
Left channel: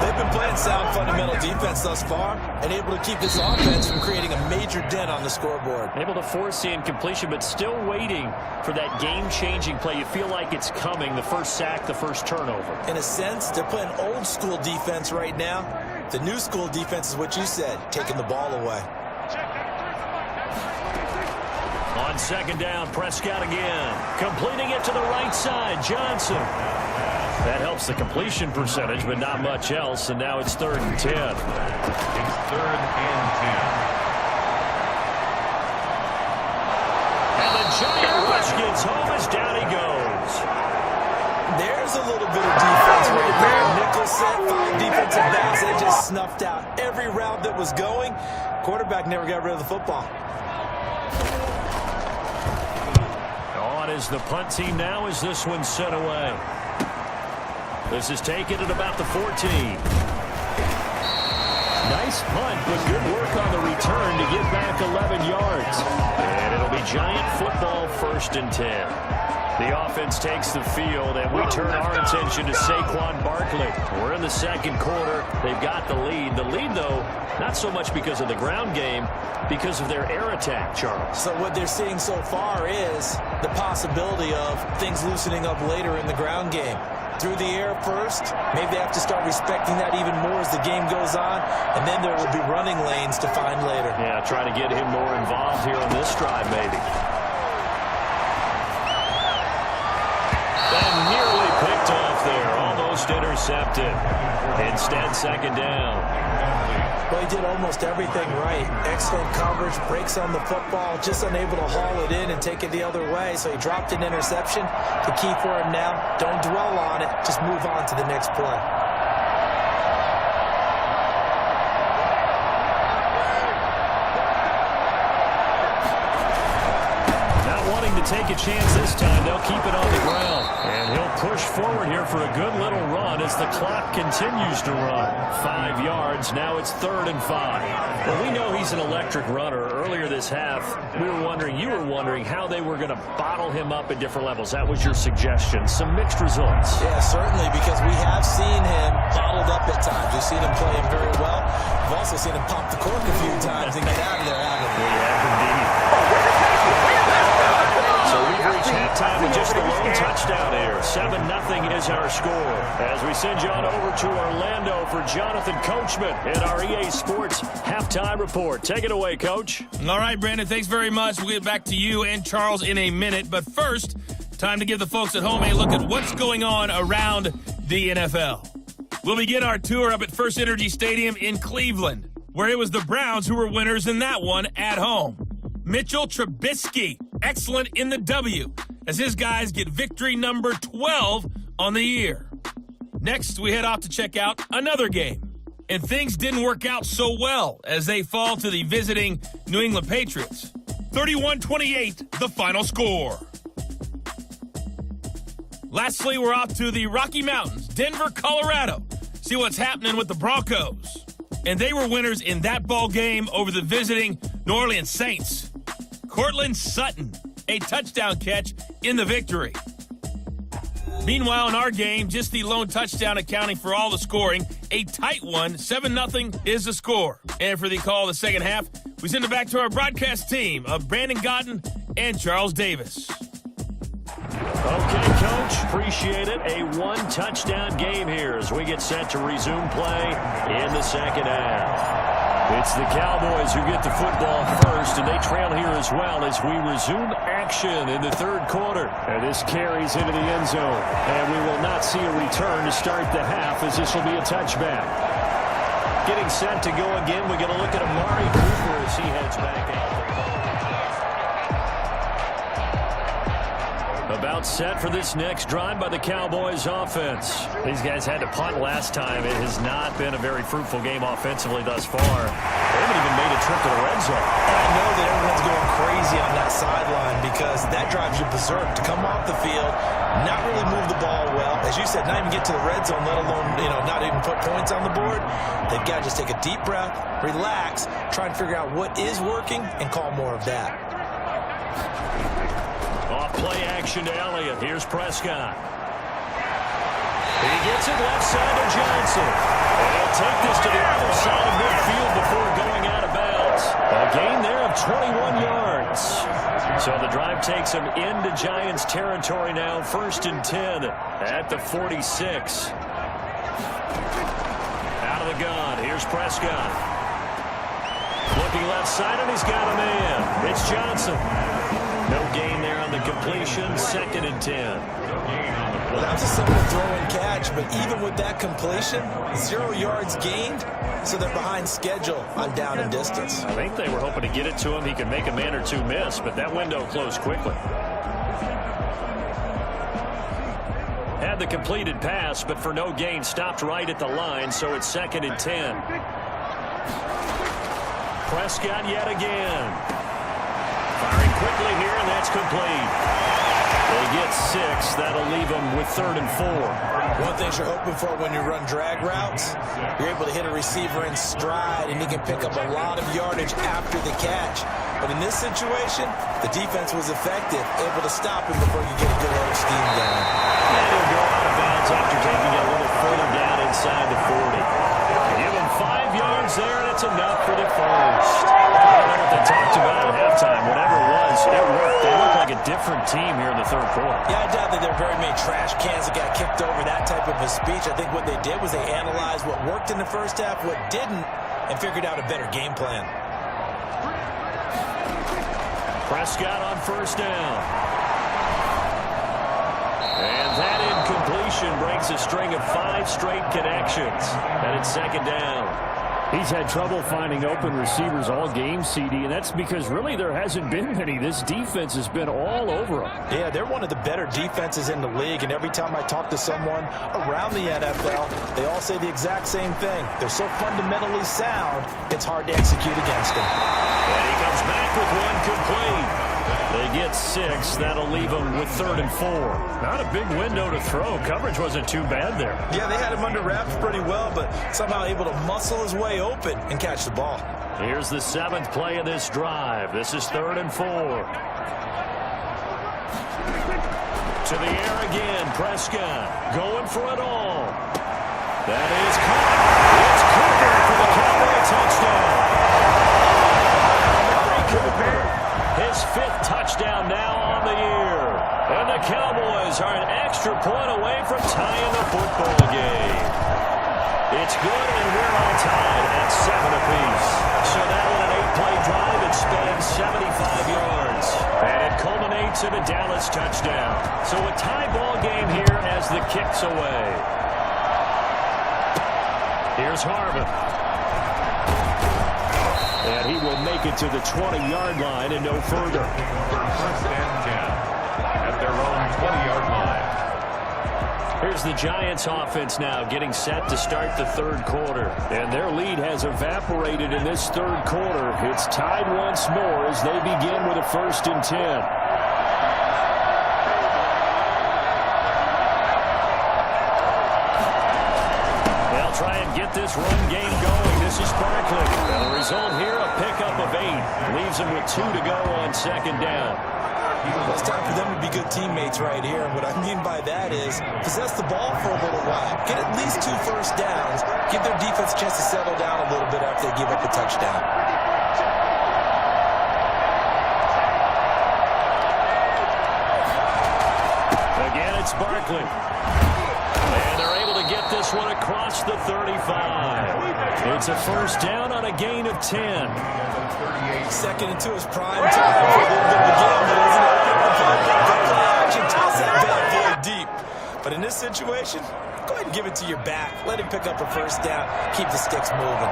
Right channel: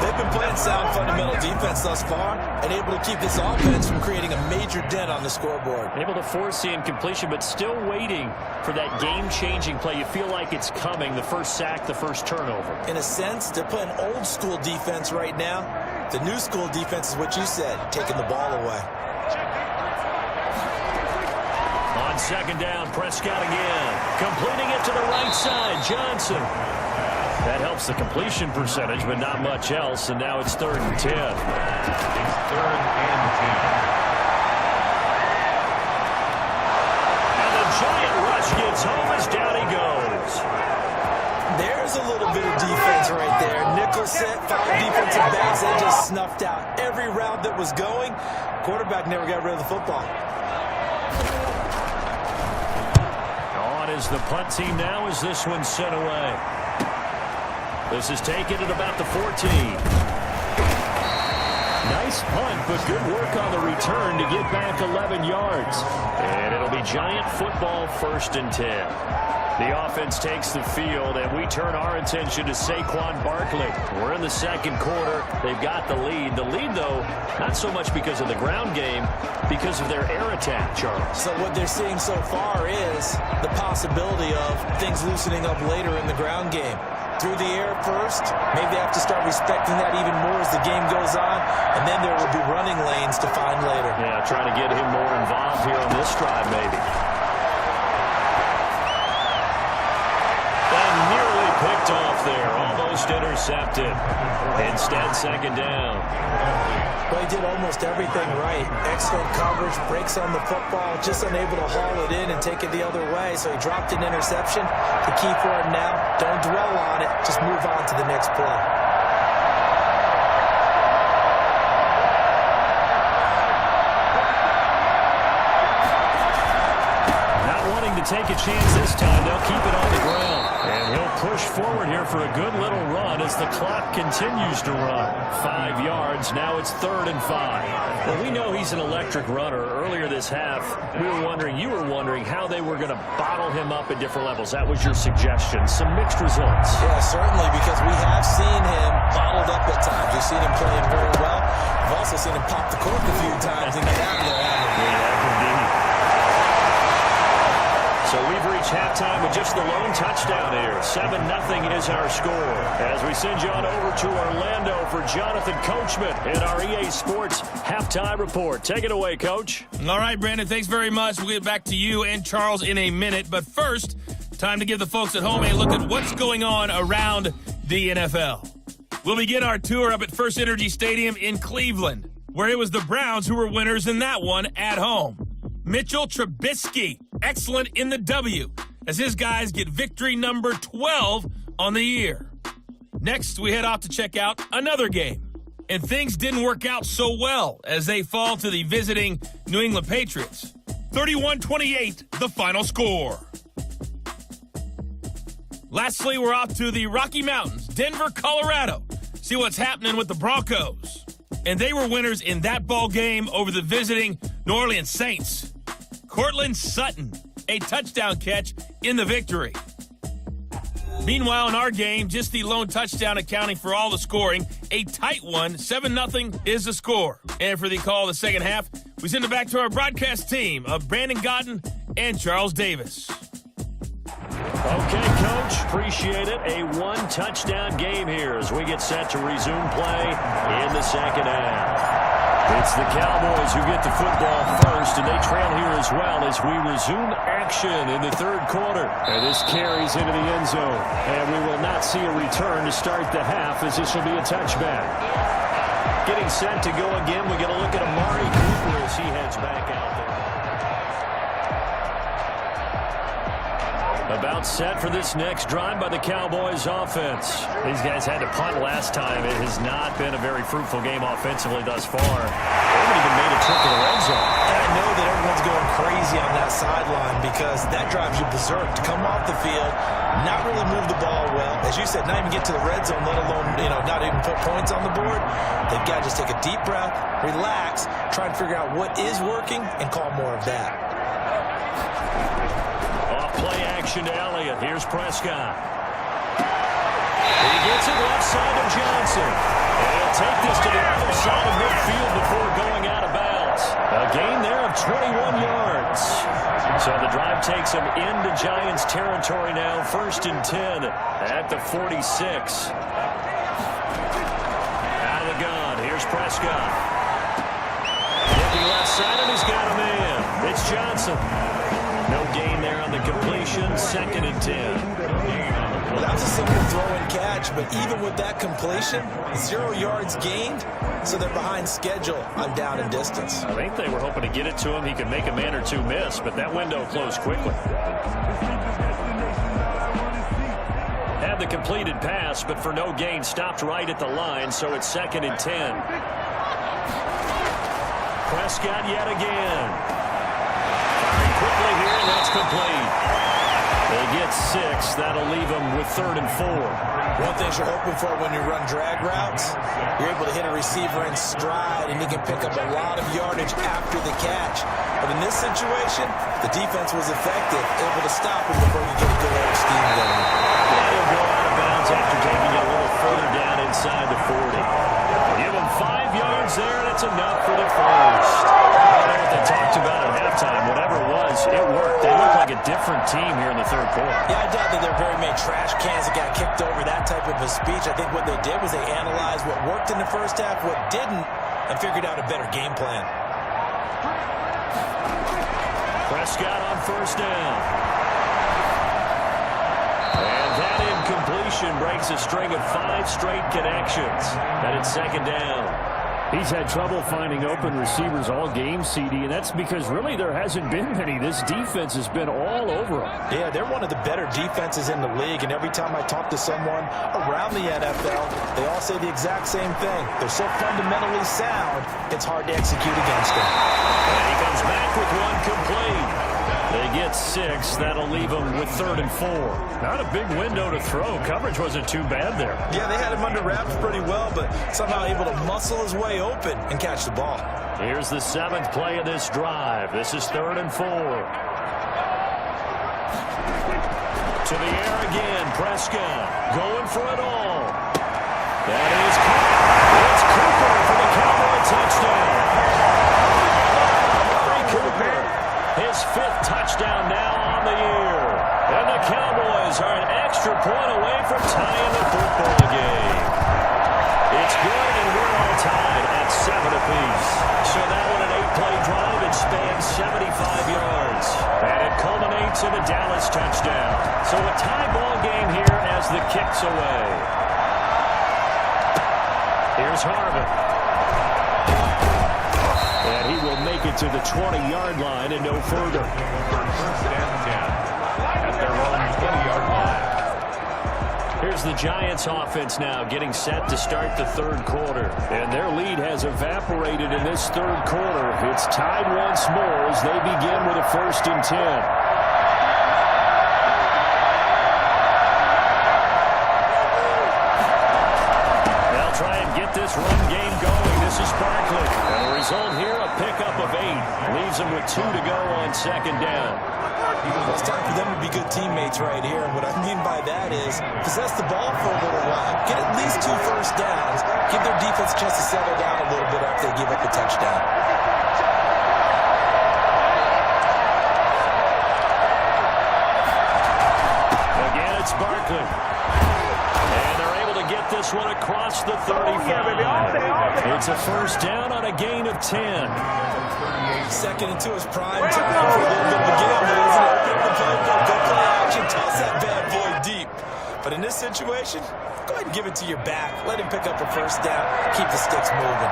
They've been playing sound fundamental defense thus far and able to keep this offense from creating a major dent on the scoreboard. Able to force the incompletion, but still waiting for that game-changing play. You feel like it's coming, the first sack, the first turnover. In a sense, they're playing old-school defense right now. The new school defense is what you said, taking the ball away. On second down, Prescott again. Completing it to the right side, Johnson. That helps the completion percentage, but not much else, and now it's 3rd and 10. It's 3rd and 10. And the Giant rush gets home as down he goes. There's a little bit of defense right there. Nickel set, 5 defensive backs. They just snuffed out every route that was going. Quarterback never got rid of the football. On is the punt team now as this one's sent away. This is taken at about the 14. Nice punt, but good work on the return to get back 11 yards. And it'll be Giant football 1st and 10. The offense takes the field, and we turn our attention to Saquon Barkley. We're in the 2nd quarter. They've got the lead. The lead, though, not so much because of the ground game, because of their air attack, Charles. So what they're seeing so far is the possibility of things loosening up later in the ground game. Through the air first, maybe they have to start respecting that even more as the game goes on, and then there will be running lanes to find later. Yeah, try to get him more involved here on this drive, maybe. And nearly picked off there, almost intercepted. Instead, 2nd down. Well, he did almost everything right. Excellent coverage, breaks on the football, just unable to haul it in and take it the other way. So he dropped an interception. The key for him now, don't dwell on it. Just move on to the next play. To take a chance this time, they'll keep it on the ground. And he'll push forward here for a good little run as the clock continues to run. 5 yards, now it's 3rd and 5. Well, we know he's an electric runner. Earlier this half, you were wondering how they were going to bottle him up at different levels. That was your suggestion. Some mixed results. Yeah, certainly, because we have seen him bottled up at times. We've seen him playing very well. We've also seen him pop the cork a few times and get out of there, haven't we? We have indeed. So we've reached halftime with just the lone touchdown here. 7-0 is our score. As we send you on over to Orlando for Jonathan Coachman in our EA Sports Halftime Report. Take it away, Coach. All right, Brandon, thanks very much. We'll get back to you and Charles in a minute. But first, time to give the folks at home a look at what's going on around the NFL. We'll begin our tour up at First Energy Stadium in Cleveland, where it was the Browns who were winners in that one at home. Mitchell Trubisky, excellent in the W, as his guys get victory number 12 on the year. Next, we head off to check out another game. And things didn't work out so well as they fall to the visiting New England Patriots. 31-28, the final score. Lastly, we're off to the Rocky Mountains, Denver, Colorado. See what's happening with the Broncos. And they were winners in that ball game over the visiting New Orleans Saints. Cortland Sutton, a touchdown catch in the victory. Meanwhile, in our game, just the lone touchdown accounting for all the scoring. A tight one, 7-0 is the score. And for the call of the second half, we send it back to our broadcast team of Brandon Godden and Charles Davis. Okay, Coach, appreciate it. A 1-touchdown game here as we get set to resume play in the second half. It's the Cowboys who get the football first, and they trail here as well as we resume action in the 3rd quarter. And this carries into the end zone. And we will not see a return to start the half as this will be a touchback. Getting set to go again, we get a look at Amari Cooper as he heads back out there. About set for this next drive by the Cowboys offense. These guys had to punt last time. It has not been a very fruitful game offensively thus far. They haven't even made a trip to the red zone. And I know that everyone's going crazy on that sideline because that drives you berserk to come off the field, not really move the ball well. As you said, not even get to the red zone, let alone, not even put points on the board. They've got to just take a deep breath, relax, try and figure out what is working and call more of that. Play action to Elliott. Here's Prescott. He gets it left side to Johnson. And he'll take this to the other side of midfield before going out of bounds. A gain there of 21 yards. So the drive takes him into Giants territory now. 1st and 10 at the 46. Out of the gun. Here's Prescott. Looking left side, and he's got a man. It's Johnson. No gain there on the completion. 2nd and 10. Well, that was a simple throw and catch, but even with that completion, 0 yards gained, so they're behind schedule on down and distance. I think they were hoping to get it to him. He could make a man or two miss, but that window closed quickly. Had the completed pass, but for no gain, stopped right at the line, so it's 2nd and 10. Prescott yet again. Firing quickly here, and that's complete. They get 6. That'll leave them with 3rd and 4. One thing you're hoping for when you run drag routes, you're able to hit a receiver in stride, and he can pick up a lot of yardage after the catch. But in this situation, the defense was effective, able to stop him before you get a good head of steam going. And he'll go out of bounds after taking it a little further down inside the 40. Give him 5 yards there, and it's enough for the first. I don't know what they talked about at halftime. Whatever it was, it worked. They look like a different team here in the 3rd quarter. Yeah, I doubt that there are very many trash cans that got kicked over, that type of a speech. I think what they did was they analyzed what worked in the first half, what didn't, and figured out a better game plan. Prescott on 1st down. And that incompletion breaks a string of 5 straight connections. And it's 2nd down. He's had trouble finding open receivers all game, CD, and that's because really there hasn't been many. This defense has been all over them. Yeah, they're one of the better defenses in the league, and every time I talk to someone around the NFL, they all say the exact same thing. They're so fundamentally sound, it's hard to execute against them. And he comes back with one complete. They get 6. That'll leave them with 3rd and 4. Not a big window to throw. Coverage wasn't too bad there. Yeah, they had him under wraps pretty well, but somehow able to muscle his way open and catch the ball. Here's the 7th play of this drive. This is 3rd and 4. To the air again. Prescott going for it all. That is caught. It's Cooper for the Cowboy touchdown. Murray Cooper. His 5th touchdown now on the year. And the Cowboys are an extra point away from tying the football game. It's good, and we're all tied at 7 apiece. So that one an 8-play drive. It spans 75 yards. And it culminates in a Dallas touchdown. So a tie ball game here as the kick's away. Here's Harvin. And he will make it to the 20-yard line and no further. 1st and 10 at their own 20-yard line. Here's the Giants offense now getting set to start the 3rd quarter. And their lead has evaporated in this 3rd quarter. It's tied once more as they begin with a 1st and 10. They'll try and get this run game going. This is Barkley. And the result here, a pickup of 8. Leaves them with 2 to go on 2nd down. Well, it's time for them to be good teammates right here. And what I mean by that is possess the ball for a little while. Get at least 2 first downs. Give their defense a chance to settle down a little bit after they give up the touchdown. Again, it's Barkley. And they're able to get this one across the 35. It's a 1st down on a gain of 10. 2nd and 2 is prime time for a little bit of a gamble, isn't it? Go play action, toss that bad boy deep. But in this situation, go ahead and give it to your back. Let him pick up a 1st down. Keep the sticks moving.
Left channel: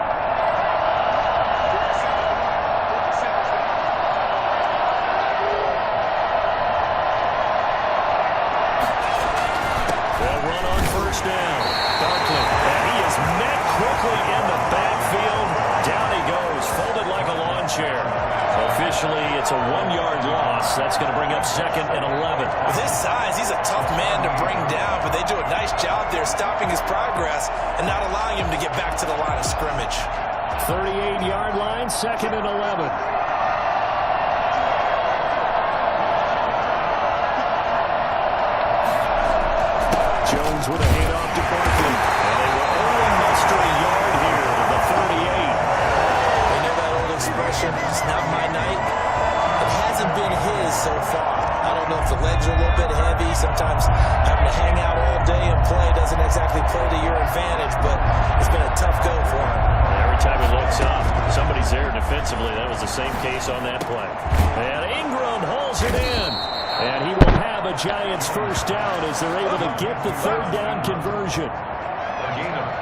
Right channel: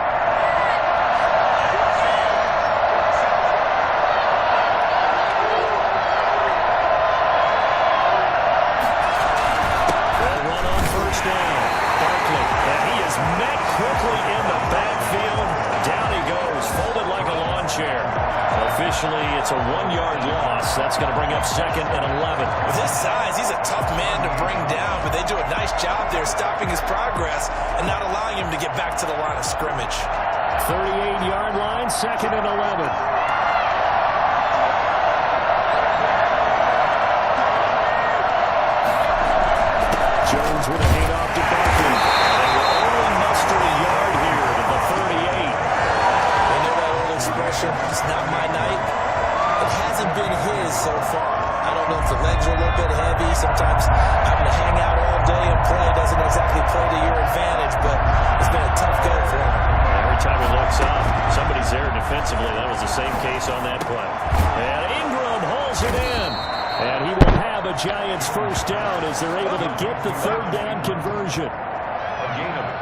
Down. Barkley, and he is met quickly in the backfield. Down he goes, folded like a lawn chair. So officially, it's a 1-yard loss. That's going to bring up 2nd and 11. With his size, he's a tough man to bring down, but they do a nice job there stopping his progress and not allowing him to get back to the line of scrimmage. 38-yard line, 2nd and 11. Jones with a handoff to Barkley. And they will only muster a yard here to the 38. They know that old expression, it's not my night. It hasn't been his so far. I don't know if the legs are a little bit heavy. Sometimes having to hang out all day and play doesn't exactly play to your advantage, but it's been a tough go for him. Every time he looks up, somebody's there defensively. That was the same case on that play. And Ingram hauls it in. And he will have a Giants first down as they're able to get the third down conversion.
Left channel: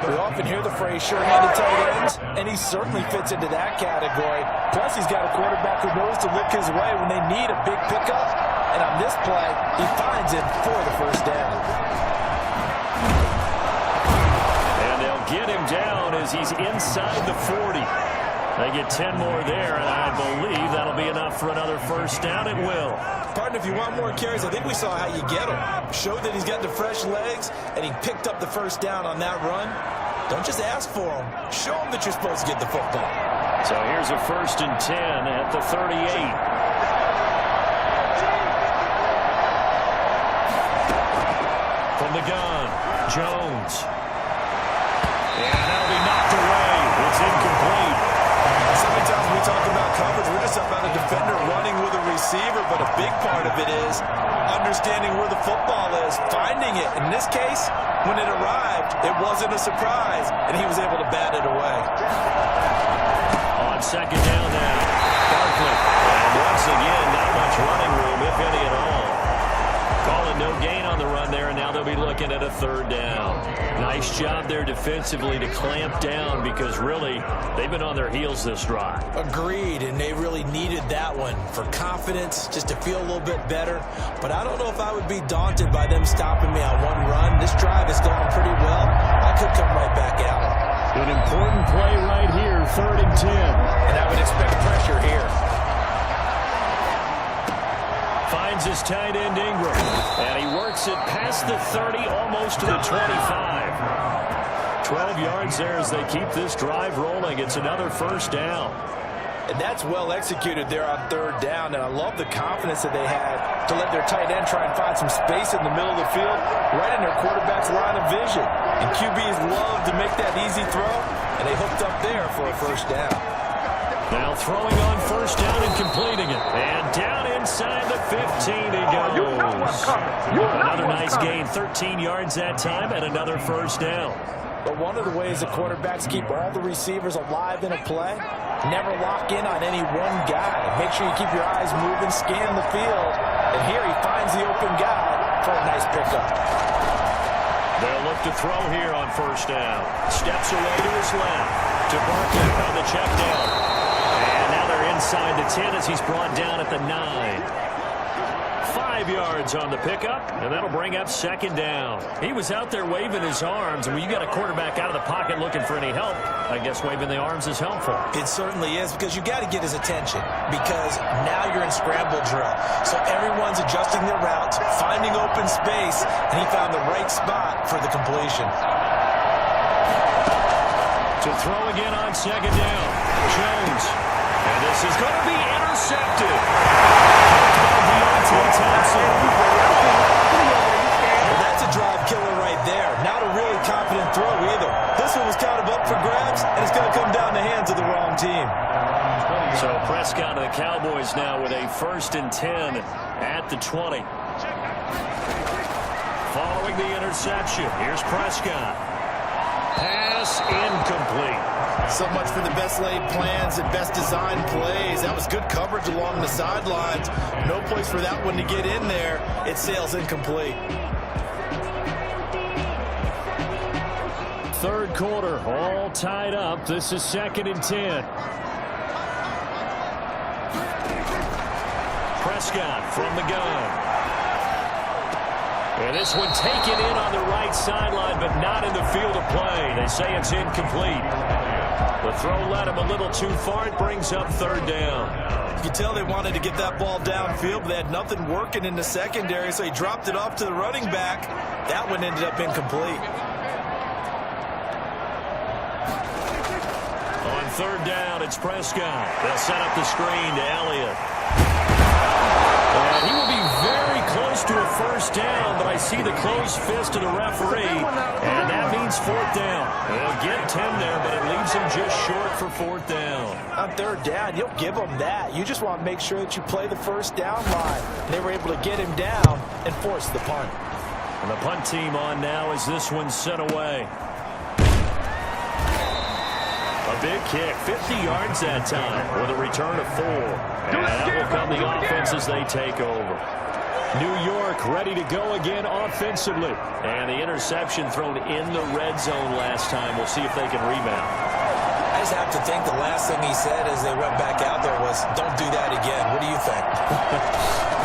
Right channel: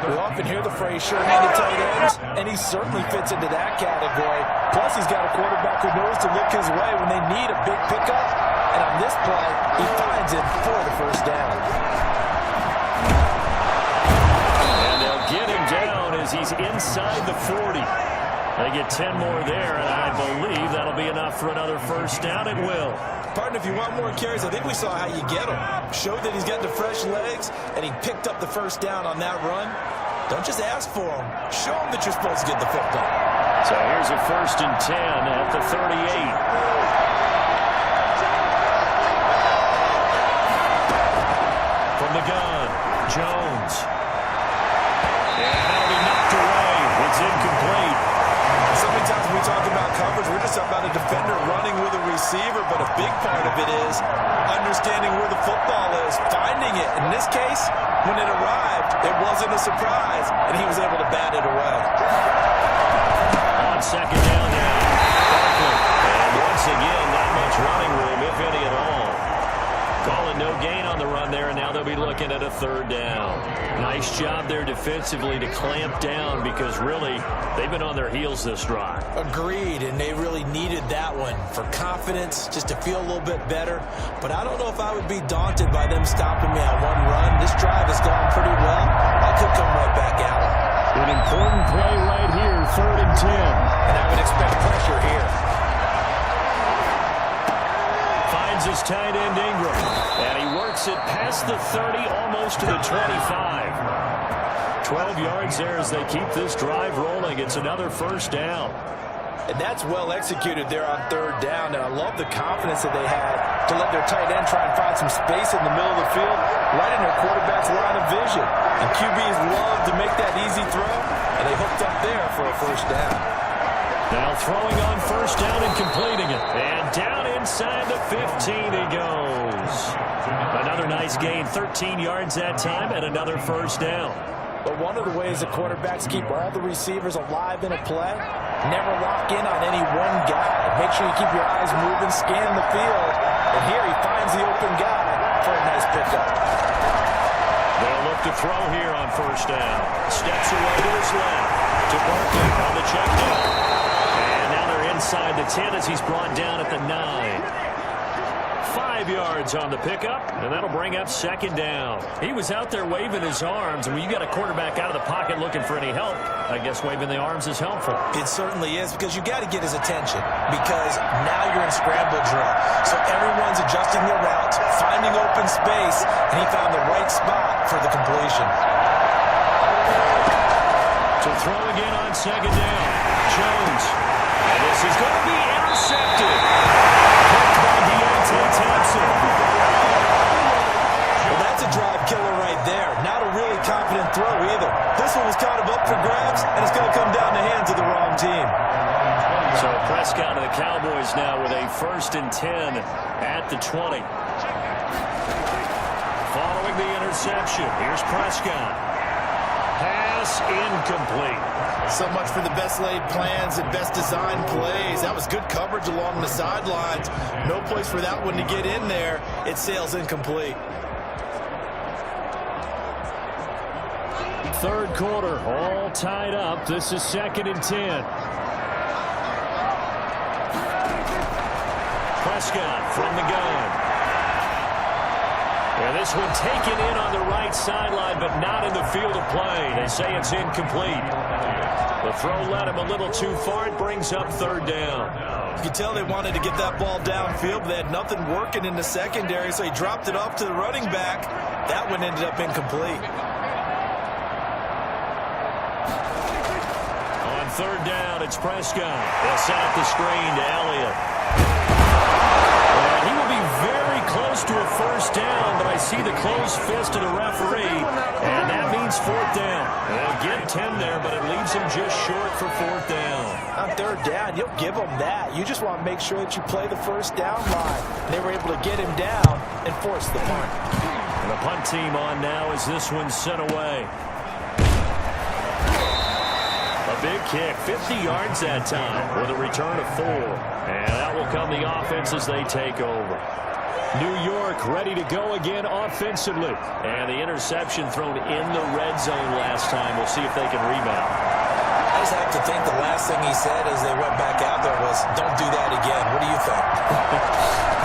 We often hear the phrase sure-handed tight ends, and he certainly fits into that category. Plus, he's got a quarterback who knows to look his way when they need a big pickup. And on this play, he finds it for the first down. And they'll get him down as he's inside the 40. They get 10 more there, and I believe that'll be enough for another first down. It will. Partner, if you want more carries, I think we saw how you get him. Showed that he's got the fresh legs, and he picked up the first down on that run. Don't just ask for him. Show him that you're supposed to get the football. So here's a 1st and 10 at the 38. From the gun, Jones. And that'll be knocked away. It's incomplete. So many times when we talk about coverage, we're just talking about a defender running with a receiver, but a big part of it is understanding where the football is, finding it. In this case, when it arrived, it wasn't a surprise, and he was able to bat it away. On second down now, Barkley. And once again, not much running room, if any at all. Calling no gain on the run there, and now they'll be looking at a third down. Nice job there defensively to clamp down because really they've been on their heels this drive. Agreed, and they really needed that one for confidence, just to feel a little bit better. But I don't know if I would be daunted by them stopping me on one run. This drive has gone pretty well. I could come right back at them. An important play right here, 3rd and 10. And I would expect pressure here. Finds his tight end Ingram, and he works it past the 30, almost to the 25. 12 yards there as they keep this drive rolling. It's another first down. And that's well executed there on 3rd down, and I love the confidence that they had to let their tight end try and find some space in the middle of the field, right in their quarterback's line of vision. And QBs love to make that easy throw, and they hooked up there for a first down. Now throwing on first down and completing it. And down inside the 15 he goes. Another nice gain, 13 yards that time, and another first down. But one of the ways the quarterbacks keep all the receivers alive in a play, never lock in on any one guy. Make sure you keep your eyes moving, scan the field. And here he finds the open guy for a nice pickup. They'll look to throw here on first down. Steps away to his left. To Barkley on the check down. And now they're inside the 10 as he's brought down at the 9. 5 yards on the pickup, and that'll bring up second down. He was out there waving his arms, and when you got a quarterback out of the pocket looking for any help, I guess waving the arms is helpful. It certainly is, because you got to get his attention, because now you're in scramble drill. So everyone's adjusting their routes, finding open space, and he found the right spot for the completion. To throw again on second down, Jones. And this is going to be intercepted. Picked by Deontay Thompson. Well, that's a drive killer right there. Not a really confident throw either. This one was kind of up for grabs, and it's going to come down the hands of the wrong team. So Prescott of the Cowboys now with a 1st and 10 at the 20. Following the interception, here's Prescott. Pass incomplete. So much for the best laid plans and best designed plays. That was good coverage along the sidelines. No place for that one to get in there. It sails incomplete. Third quarter, all tied up. This is 2nd and 10. Prescott from the gun. And this one taken in on the right sideline, but not in the field of play. They say it's incomplete. The throw led him a little too far. It brings up 3rd down. You can tell they wanted to get that ball downfield, but they had nothing working in the secondary, so he dropped it off to the running back. That one ended up incomplete. On 3rd down, it's Prescott. They'll set up the screen to Elliott. And he will be very close to a first down, but I see the closed fist of the referee, and that means 4th down. They'll get 10 there, but it leaves him just short for 4th down. On 3rd down, you'll give them that. You just want to make sure that you play the first down line. And they were able to get him down and force the punt. And the punt team on now as this one's sent away. A big kick, 50 yards that time with a return of 4. And that will come the offense as they take over. New York ready to go again offensively. And the interception thrown in the red zone last time. We'll see if they can rebound. I just have to think the last thing he said as they went back out there was, don't do that again. What do you think?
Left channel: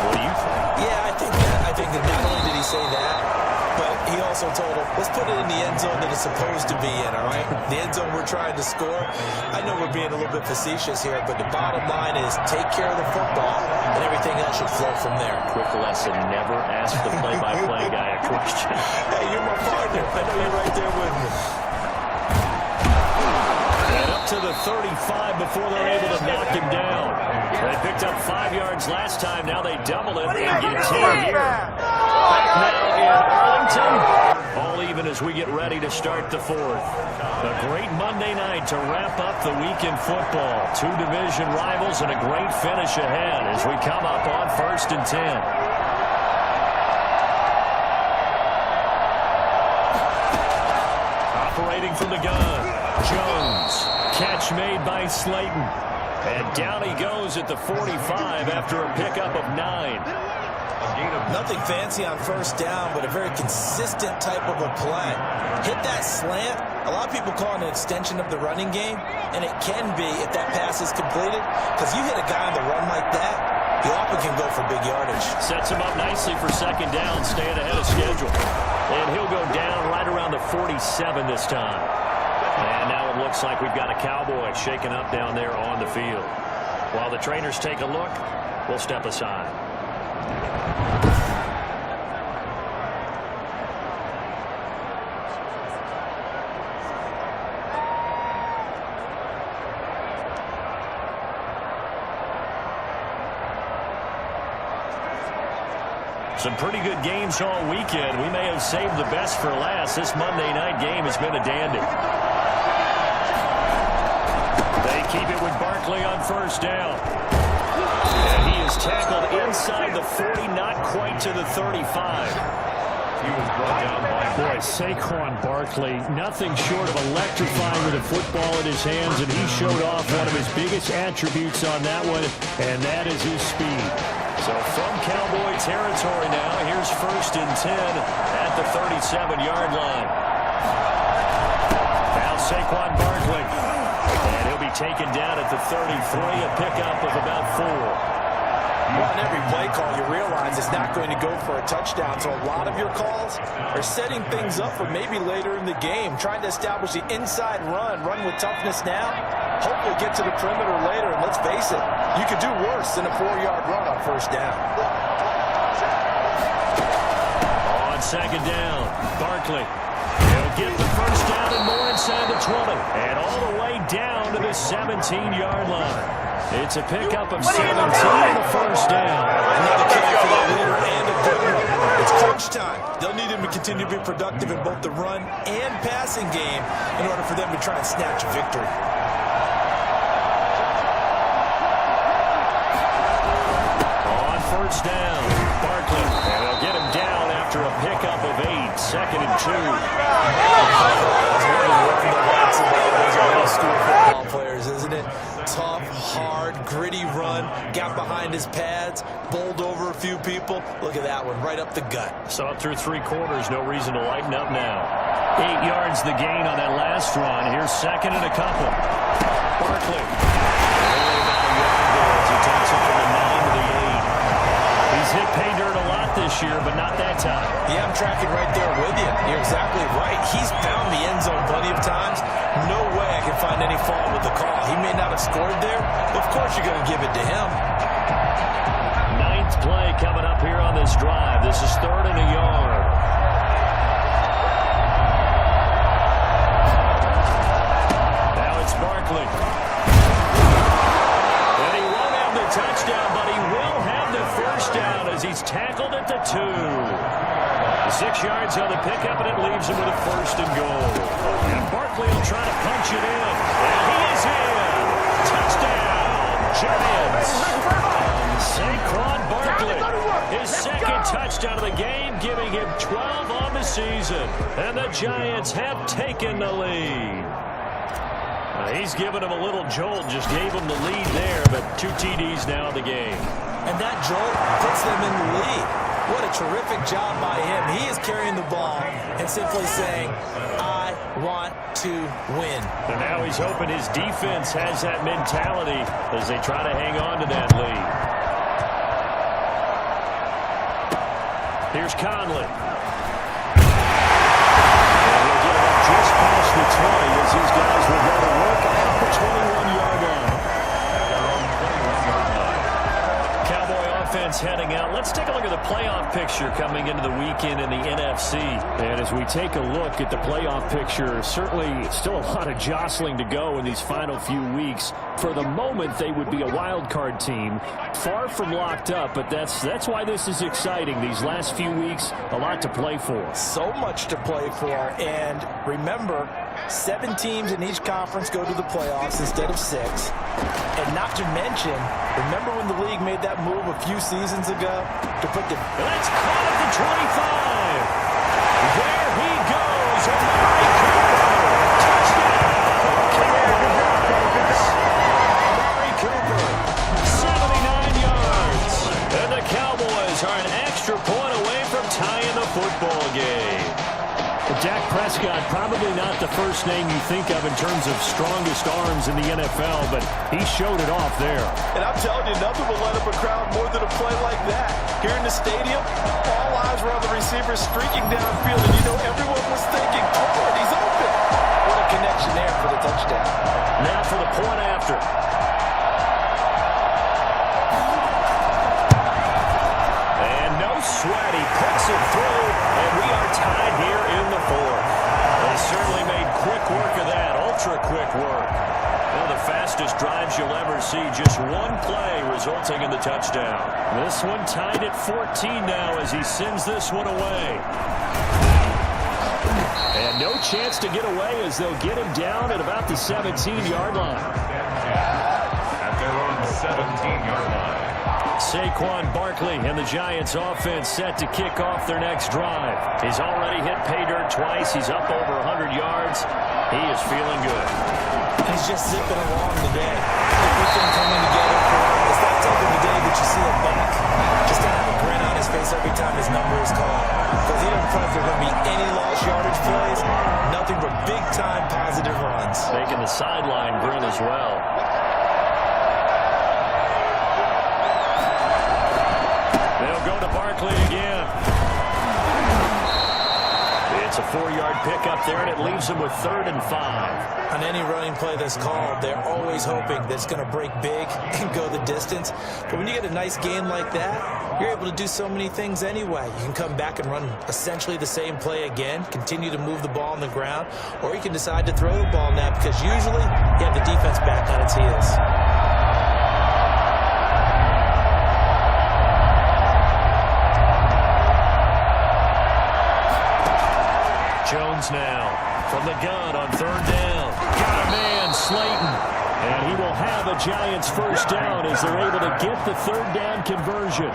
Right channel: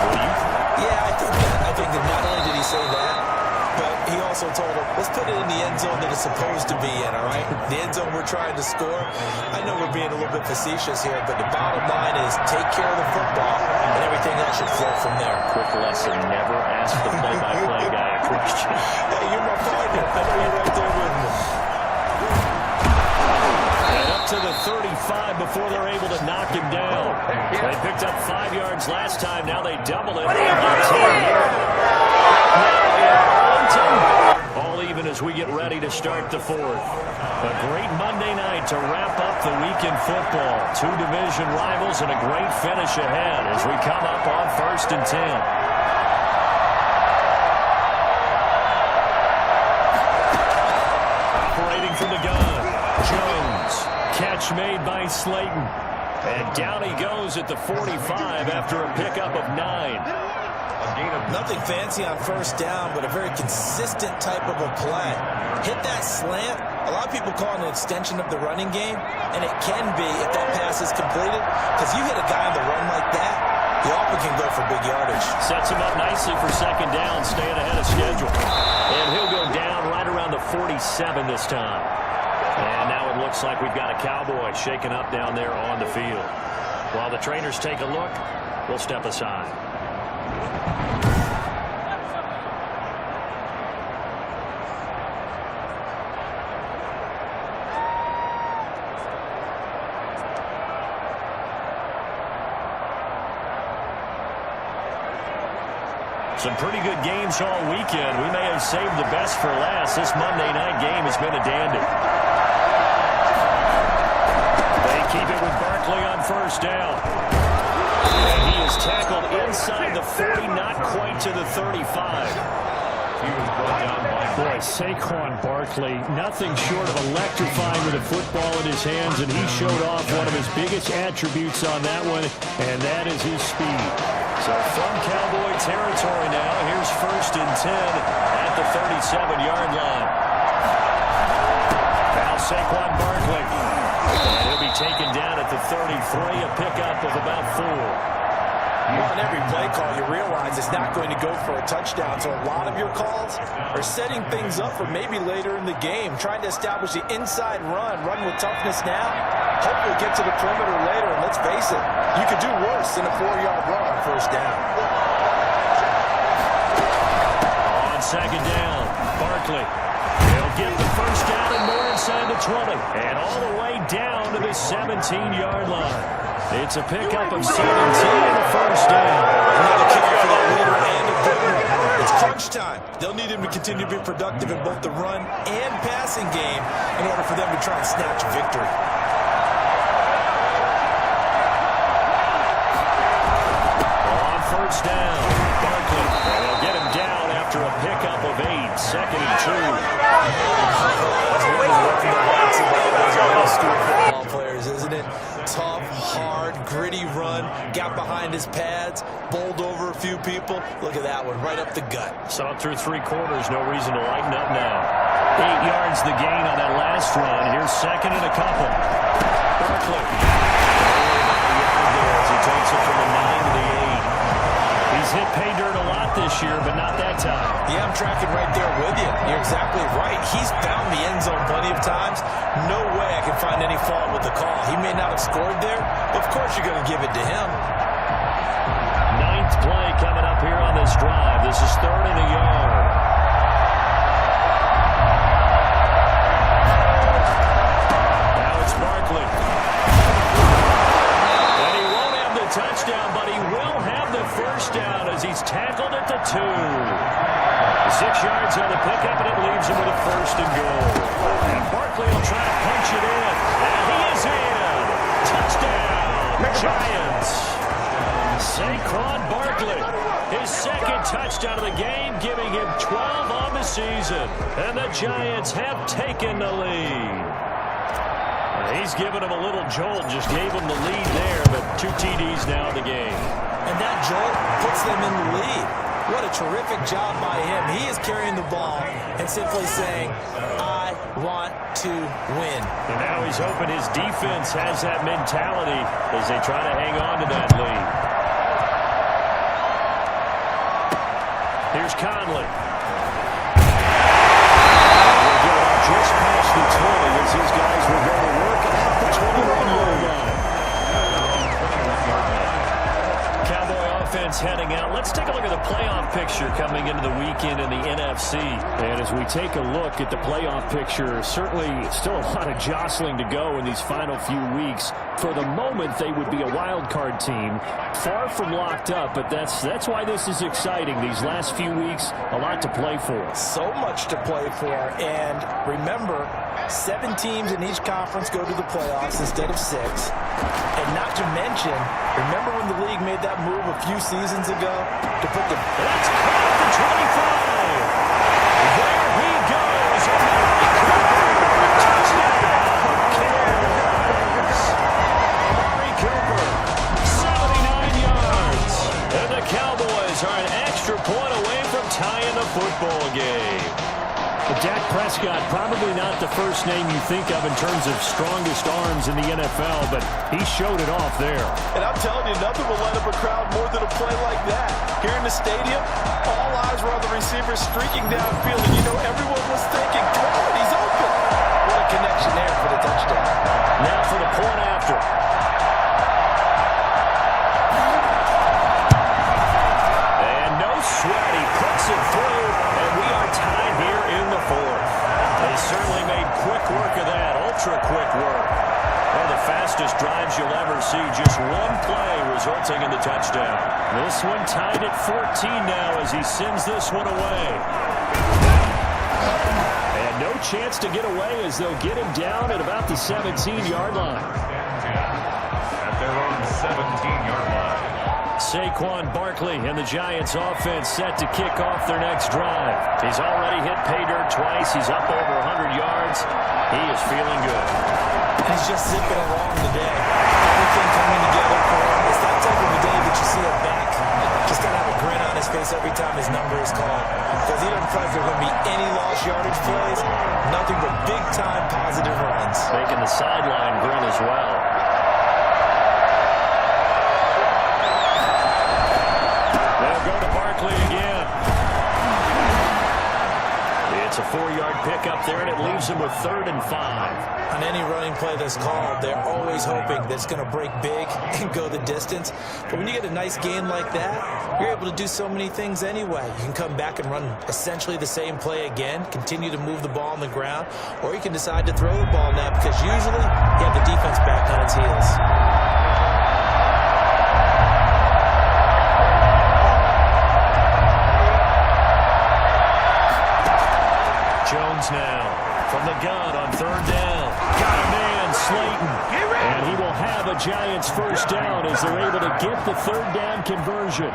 What do you think? Yeah, I think that. I think that not only did he say that, but he also told him, let's put it in the end zone that it's supposed to be in, all right? The end zone we're trying to score. I know we're being a little bit facetious here, but the bottom line is take care of the football, and everything else should flow from there. Quick lesson, never ask the play-by-play guy a question. Hey, you're my partner. I know you're right there with me. And up to the 35 before they're able to knock him down. They picked up 5 yards last time. Now they double it and get 10 here. Now in Arlington, all even as we get ready to start the 4th. A great Monday night to wrap up the week in football. 2 division rivals and a great finish ahead as we come up on 1st and 10. Operating from the gun, Jones. Catch made by Slayton. And down he goes at the 45 after a pickup of 9. Nothing fancy on first down, but a very consistent type of a play. Hit that slant. A lot of people call it an extension of the running game, and it can be if that pass is completed, because you hit a guy on the run like that, he often can go for big yardage. Sets him up nicely for 2nd down, staying ahead of schedule. And he'll go down right around the 47 this time. And now it looks like we've got a Cowboy shaken up down there on the field. While the trainers take a look, we'll step aside. Some pretty good games all weekend. We may have saved the best for last. This Monday night game has been a dandy. They keep it with Barkley on 1st down. And he is tackled inside the 40, not quite to the 35. He was brought down by Saquon Barkley, nothing short of electrifying with a football in his hands, and he showed off one of his biggest attributes on that one, and that is his speed. So from Cowboy territory now, here's 1st and 10 at the 37-yard line. Now Saquon Barkley. And he'll be taken down at the 33, a pickup of about 4. Well, on every play call, you realize it's not going to go for a touchdown, so a lot of your calls are setting things up for maybe later in the game, trying to establish the inside run with toughness now, hopefully get to the perimeter later, and let's face it, you could do worse than a 4-yard run on 1st down. On 2nd down, Barkley. He'll get the 1st down and more inside the 20. And all the way down to the 17-yard line. It's a pickup of 17 and a 1st down. Another carry for that leader and a good one. It's crunch time. They'll need him to continue to be productive in both the run and passing game in order for them to try and snatch a victory. On 1st down, Barkley. And they'll get him down after a pickup of 8. 2nd and 2. Football players, isn't it? Tough, hard, gritty run. Got behind his pads, bowled over a few people. Look at that one, right up the gut. Saw it through 3 quarters. No reason to lighten up now. 8 yards the gain on that last run. Here's 2nd and a couple. Barkley. Only about a yard there as he takes it from the 9 to the 8. He's hit pay dirt a lot this year, but not that time. Yeah, I'm tracking right there with you. You're exactly right. He's found the end zone plenty of times. No way I can find any fault with the call. He may not have scored there, but of course you're going to give it to him. 9th play coming up here on this drive. This is 3rd and a yard. Now it's Barkley. And he won't have the touchdown, but he will have the 1st down as he's tackled at the 2. 6 yards on the pickup, and it leaves him with a 1st and goal. And Barkley will try to punch it in. And he is in. Touchdown, Giants. Saquon Barkley, his 2nd touchdown of the game, giving him 12 on the season. And the Giants have taken the lead. He's given him a little jolt, just gave him the lead there, but 2 TDs now in the game. And that jolt puts them in the lead. What a terrific job by him. He is carrying the ball and simply saying, I want to win. And now he's hoping his defense has that mentality as they try to hang on to that lead. Here's Conley. And we'll get it up just past the 20 as these guys will go to work at the 21-yard line. Cowboy offense heading out. Let's take a look at the playoff picture coming into the weekend in the NFC. And as we take a look at the playoff picture, certainly still a lot of jostling to go in these final few weeks. For the moment, they would be a wild card team. Far from locked up, but that's why this is exciting. These last few weeks, a lot to play for. So much to play for. And remember, 7 teams in each conference go to the playoffs instead of 6. And not to mention, remember when the league made that move a few seasons ago to put the... That's caught at the 25. There he goes. Amari Cooper. Touchdown. Cowboys. Amari Cooper. 79 yards. And the Cowboys are an extra point away from tying the football game. But Dak Prescott, probably not the first name you think of in terms of strongest arms in the NFL, but he showed it off there. And I'm telling you, nothing will light up a crowd more than a play like that. Here in the stadium, all eyes were on the receiver streaking downfield, and you know everyone was thinking, throw it, he's open. What a connection there for the touchdown. Now for the point after. And no sweat, he puts it through, and we are tied here in the 4th. They certainly made quick work of that, ultra quick work. One of the fastest drives you'll ever see, just one play resulting in the touchdown. This one tied at 14 now as he sends this one away. And no chance to get away as they'll get him down at about the 17-yard line. At their own 17-yard line. Saquon Barkley and the Giants offense set to kick off their next drive. He's already hit pay dirt twice. He's up over 100 yards. He is feeling good. He's just zipping along today. Everything coming together for him. It's that type of a day that you see a back just kind of have a grin on his face every time his number is called. Because he doesn't feel like there are going to be any lost yardage plays. Nothing but big-time positive runs. Making the sideline grin as well. They'll go to Barkley again. It's a 4-yard pickup there, and it leaves them with 3rd and 5. On any running play that's called, they're always hoping that it's going to break big and go the distance. But when you get a nice gain like that, you're able to do so many things anyway. You can come back and run essentially the same play again, continue to move the ball on the ground, or you can decide to throw the ball now because usually you have the defense back on its heels. Jones now from the gun on 3rd down. Got a man, Slayton. And he will have a Giants first down as they're able to get the 3rd down conversion.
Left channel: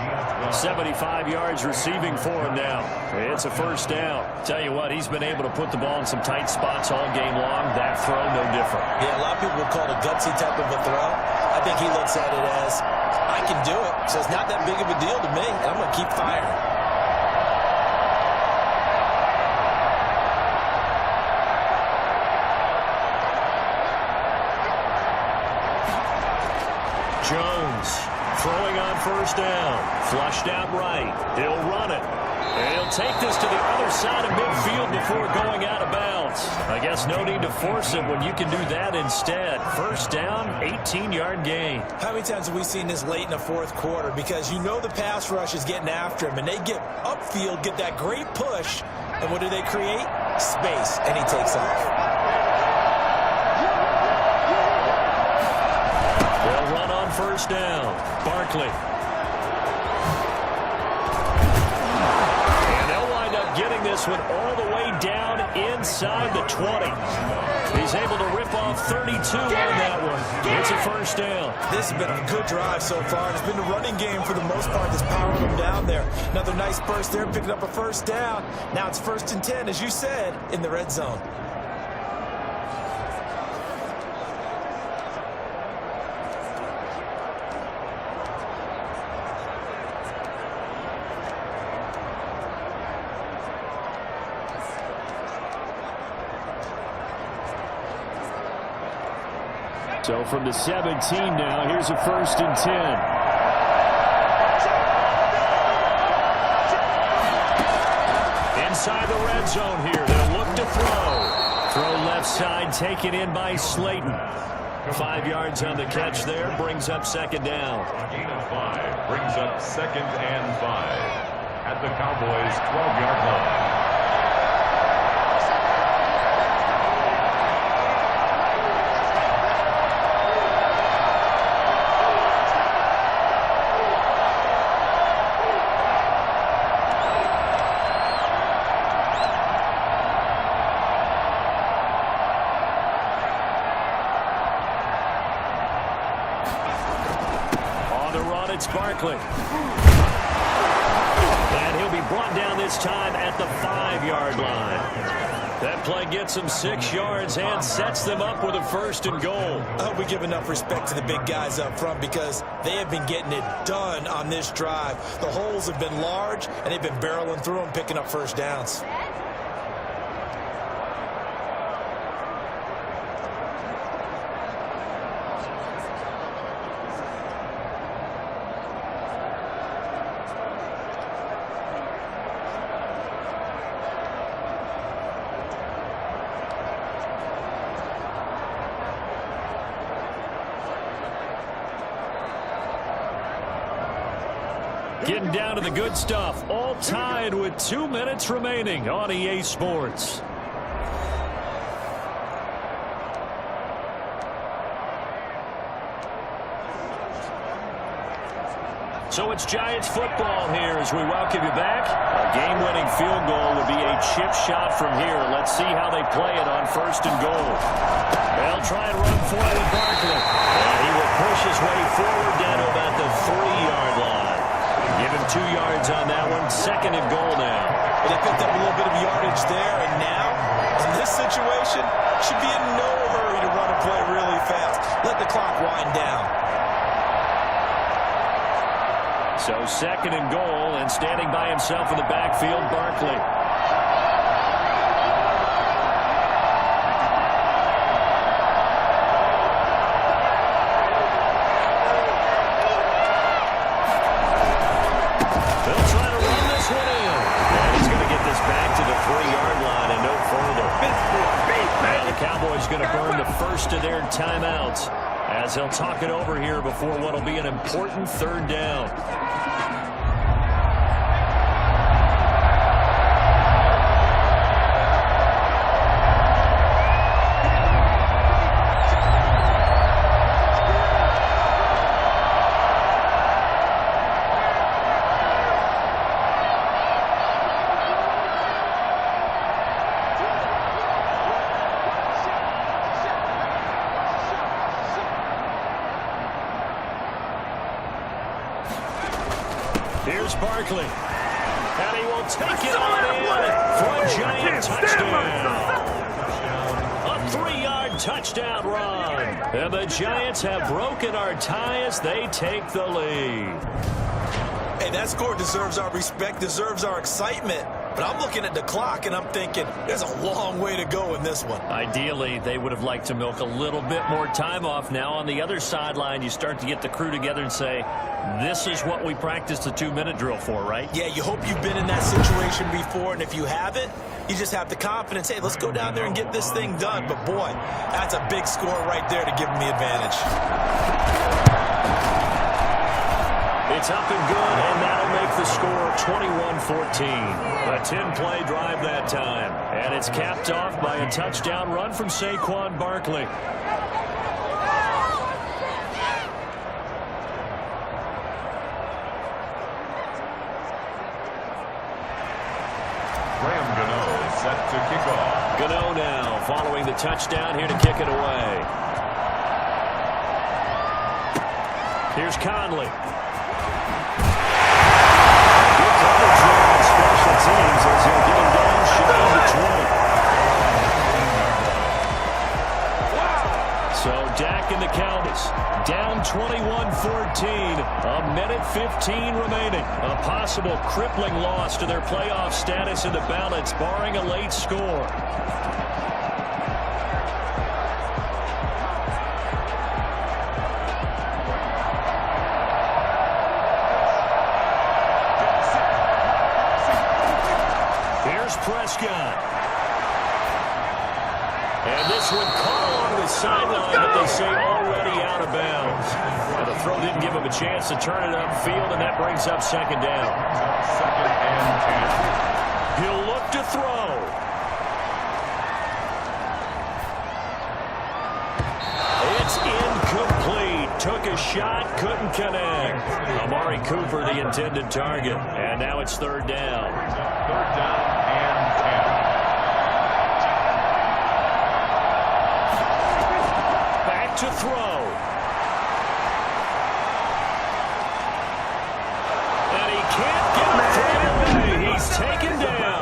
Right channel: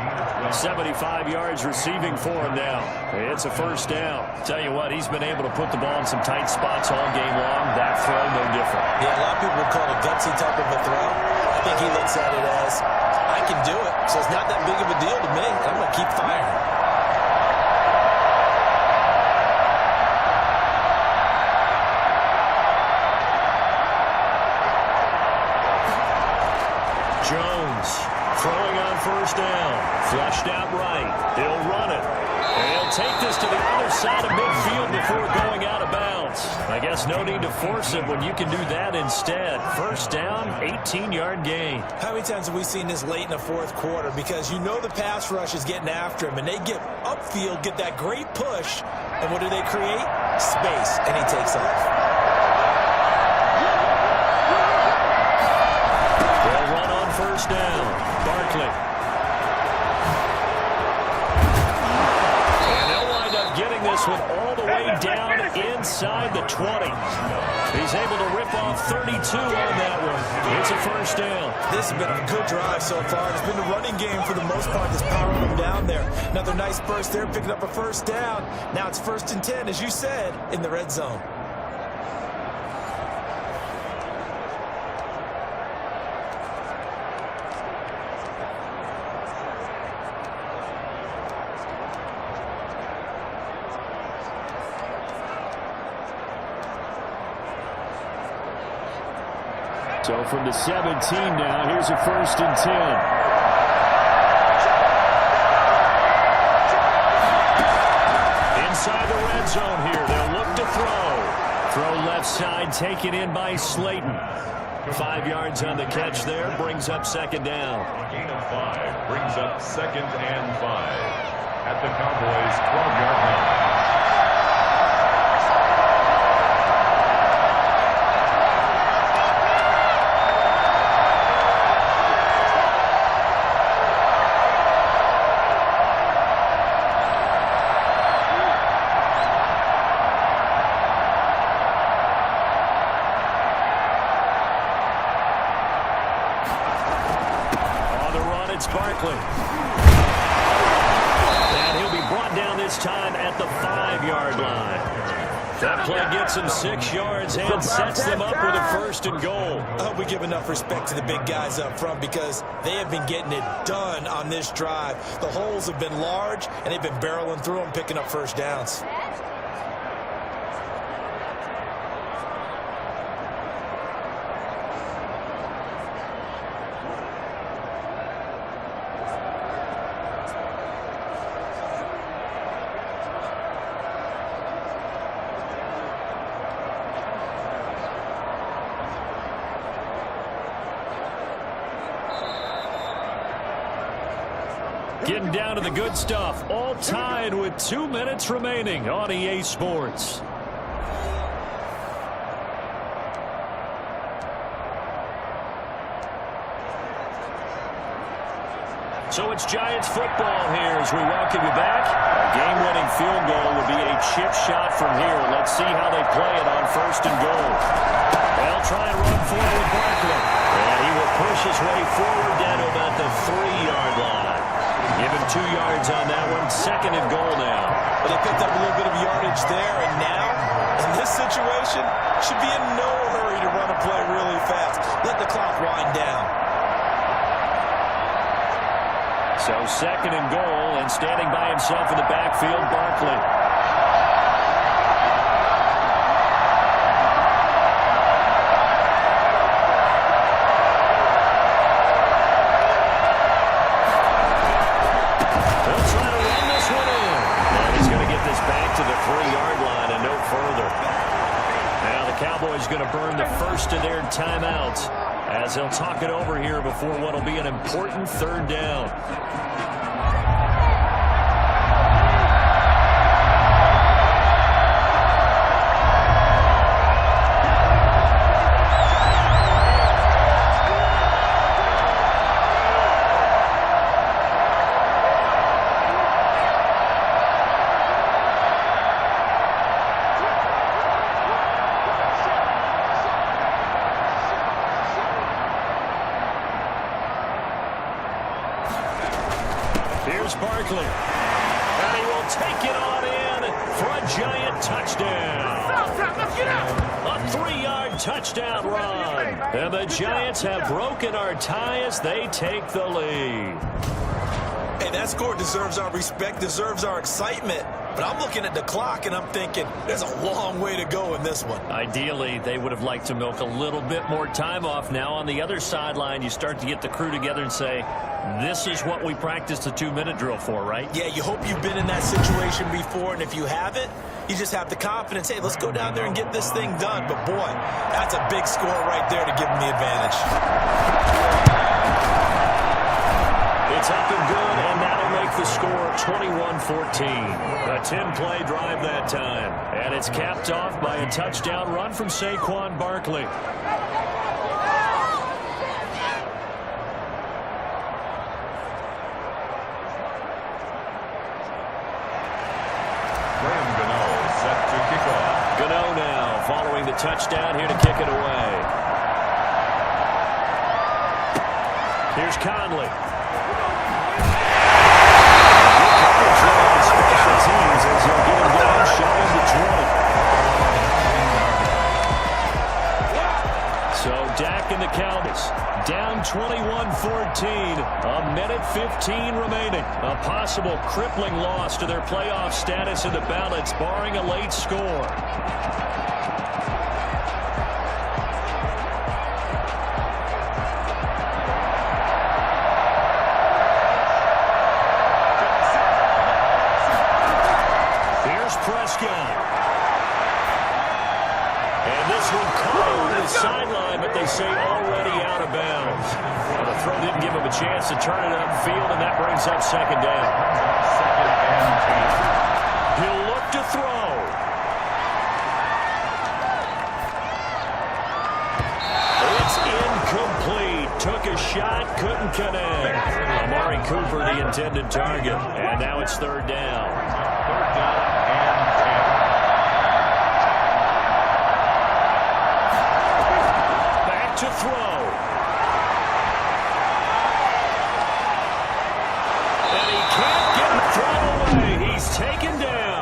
75 yards receiving for him now. It's a first down. Tell you what, he's been able to put the ball in some tight spots all game long. That throw, no different. Yeah, a lot of people would call it a gutsy type of a throw. I think he looks at it as, I can do it, so it's not that big of a deal to me, and I'm going to keep firing. Jones throwing on first down. Flushed out right. He'll run it. And he'll take this to the other side of midfield before going out of bounds. I guess no need to force it when you can do that instead. First down, 18-yard gain. How many times have we seen this late in the 4th quarter? Because you know the pass rush is getting after him, and they get upfield, get that great push, and what do they create? Space, and he takes off. They'll run on first down. Barkley. And they'll wind up getting this one all the way down inside the 20. He's able to rip off 32 on that one. It's a first down. This has been a good drive so far. It's been the running game for the most part that's powering them down there. Another nice burst there, picking up a first down. Now it's 1st and 10, as you said, in the red zone. So from the 17 now, here's a 1st and 10. Inside the red zone here, they'll look to throw. Throw left side, taken in by Slayton. 5 yards on the catch there, brings up 2nd down. A gain of 5 brings up 2nd and 5 at the Cowboys' 12-yard line. It's Barkley. And he'll be brought down this time at the 5-yard line. That play gets him 6 yards and sets them up with a 1st and goal. I hope we give enough respect to the big guys up front because they have been getting it done on this drive. The holes have been large, and they've been barreling through them, picking up 1st downs. Getting down to the good stuff, all tied with 2 minutes remaining on EA Sports. So it's Giants football here as we welcome you back. A game-winning field goal would be a chip shot from here. Let's see how they play it on 1st and goal. They'll try and run for it with Barkley. And he will push his way forward down to about the 3-yard line. Give him 2 yards on that one. 2nd and goal now. Well, they picked up a little bit of yardage there, and now, in this situation, should be in no hurry to run a play really fast. Let the clock wind down. So 2nd and goal, and standing by himself in the backfield, Barkley. They'll try to run this one in. And he's going to get this back to the 3-yard line and no further. Now the Cowboys going to burn the first of their timeouts as they'll talk it over here before what will be an important 3rd down. Here's Barkley. And he will take it on in for a Giant touchdown. A 3-yard touchdown run. And the Giants have broken our tie as they take the lead. Hey, that score deserves our respect, deserves our excitement. But I'm looking at the clock, and I'm thinking there's a long way to go in this one. Ideally, they would have liked to milk a little bit more time off. Now on the other sideline, you start to get the crew together and say, this is what we practiced the 2-minute drill for, right? Yeah, you hope you've been in that situation before, and if you haven't, you just have the confidence, hey, let's go down there and get this thing done. But, boy, that's a big score right there to give them the advantage. It's up and good, and that'll make the score 21-14. A 10-play drive that time. And it's capped off by a touchdown run from Saquon Barkley. Graham Gano set to kick off. Gano now following the touchdown here to kick it away. Here's Conley. Good coverage there on special teams as he'll get him down shy of the 20. So Dak and the Cowboys down 21-14. A minute 15 remaining. A possible crippling loss to their playoff status in the balance, barring a late score. here's Prescott. And this one caught on the sideline, but they say already out of bounds. Well, the throw didn't give him a chance to turn it upfield, and that brings up second down. Second and 10. He'll look to throw. It's incomplete. Took a shot, couldn't connect. Amari Cooper, the intended target. And now it's third down. Third down and 10. Back to throw. And he can't get a throw away. He's taken down.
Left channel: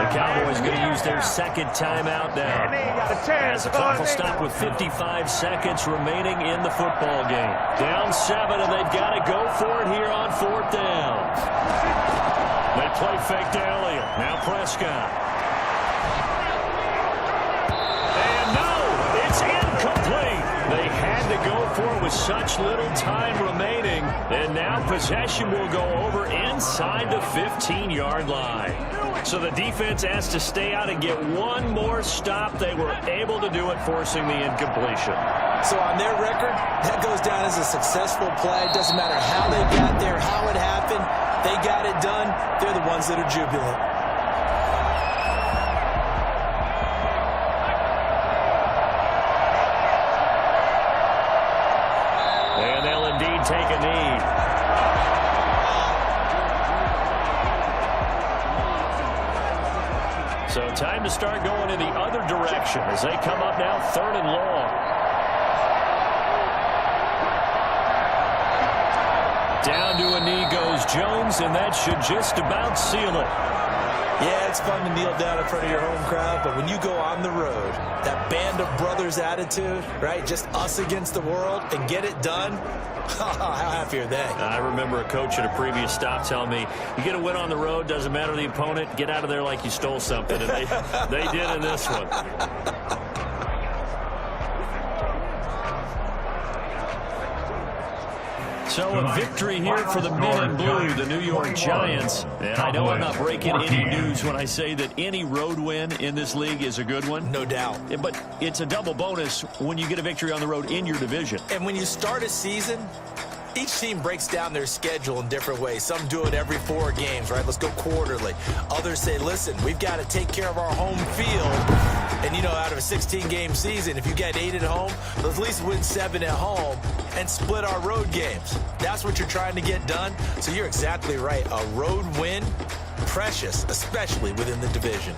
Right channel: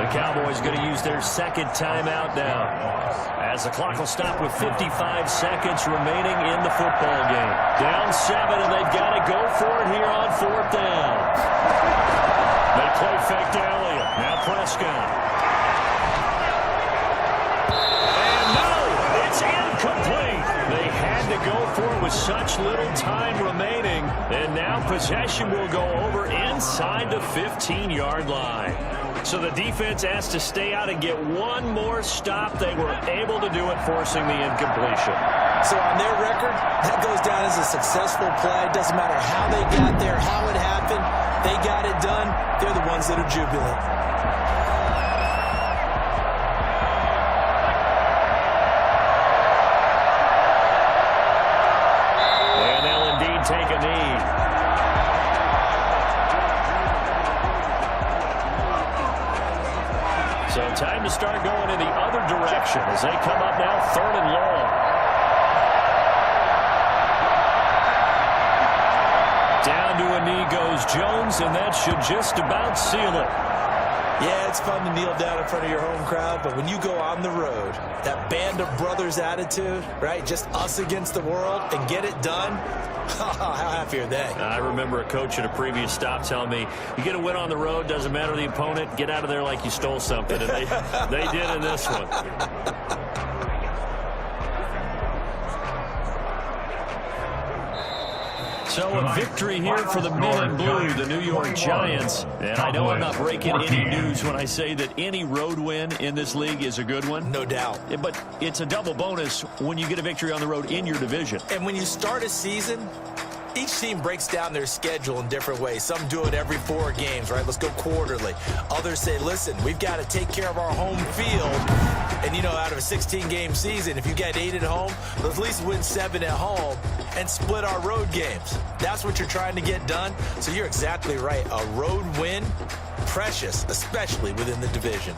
The Cowboys going to use their second timeout now, as the clock will stop with 55 seconds remaining in the football game. Down 7, and they've got to go for it here on fourth down. They play fake to Elliott. Now Prescott. And no, it's incomplete. They had to go for it with such little time remaining, and now possession will go over inside the 15-yard line. So the defense has to stay out and get one more stop. They were able to do it, forcing the incompletion. So on their record, that goes down as a successful play. Doesn't matter how they got there, how it happened. They got it done. They're the ones that are jubilant. And they'll indeed take a knee. So time to start going in the other direction as they come up now third and long. Down to a knee goes Jones, and that should just about seal it. Yeah, it's fun to kneel down in front of your home crowd, but when you go on the road, that band of brothers attitude, right, just us against the world, and get it done, how happy are they? I remember a coach at a previous stop telling me, you get a win on the road, doesn't matter the opponent, get out of there like you stole something, and they did in this one. So a victory here for the men in blue, the New York Giants. And I know I'm not breaking any news when I say that any road win in this league is a good one. No doubt. But it's a double bonus when you get a victory on the road in your division. And when you start a season, each team breaks down their schedule in different ways. Some do it every 4 games, right? Let's go quarterly. Others say, listen, we've got to take care of our home field. And, you know, out of a 16-game season, if you get 8 at home, let's at least win 7 at home and split our road games. That's what you're trying to get done. So you're exactly right. A road win, precious, especially within the division.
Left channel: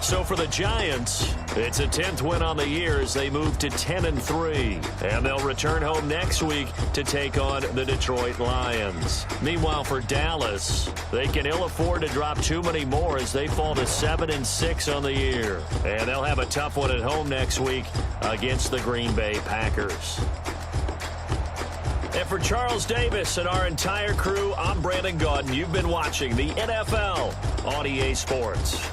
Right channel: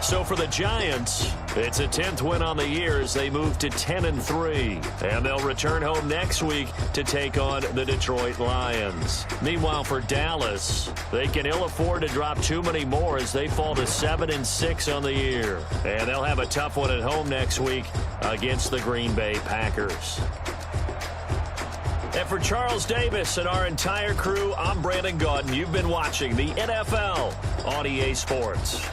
So for the Giants, it's a 10th win on the year as they move to 10-3. And they'll return home next week to take on the Detroit Lions. Meanwhile, for Dallas, they can ill afford to drop too many more as they fall to 7-6 on the year. And they'll have a tough one at home next week against the Green Bay Packers. And for Charles Davis and our entire crew, I'm Brandon Gaudin. You've been watching the NFL on EA Sports.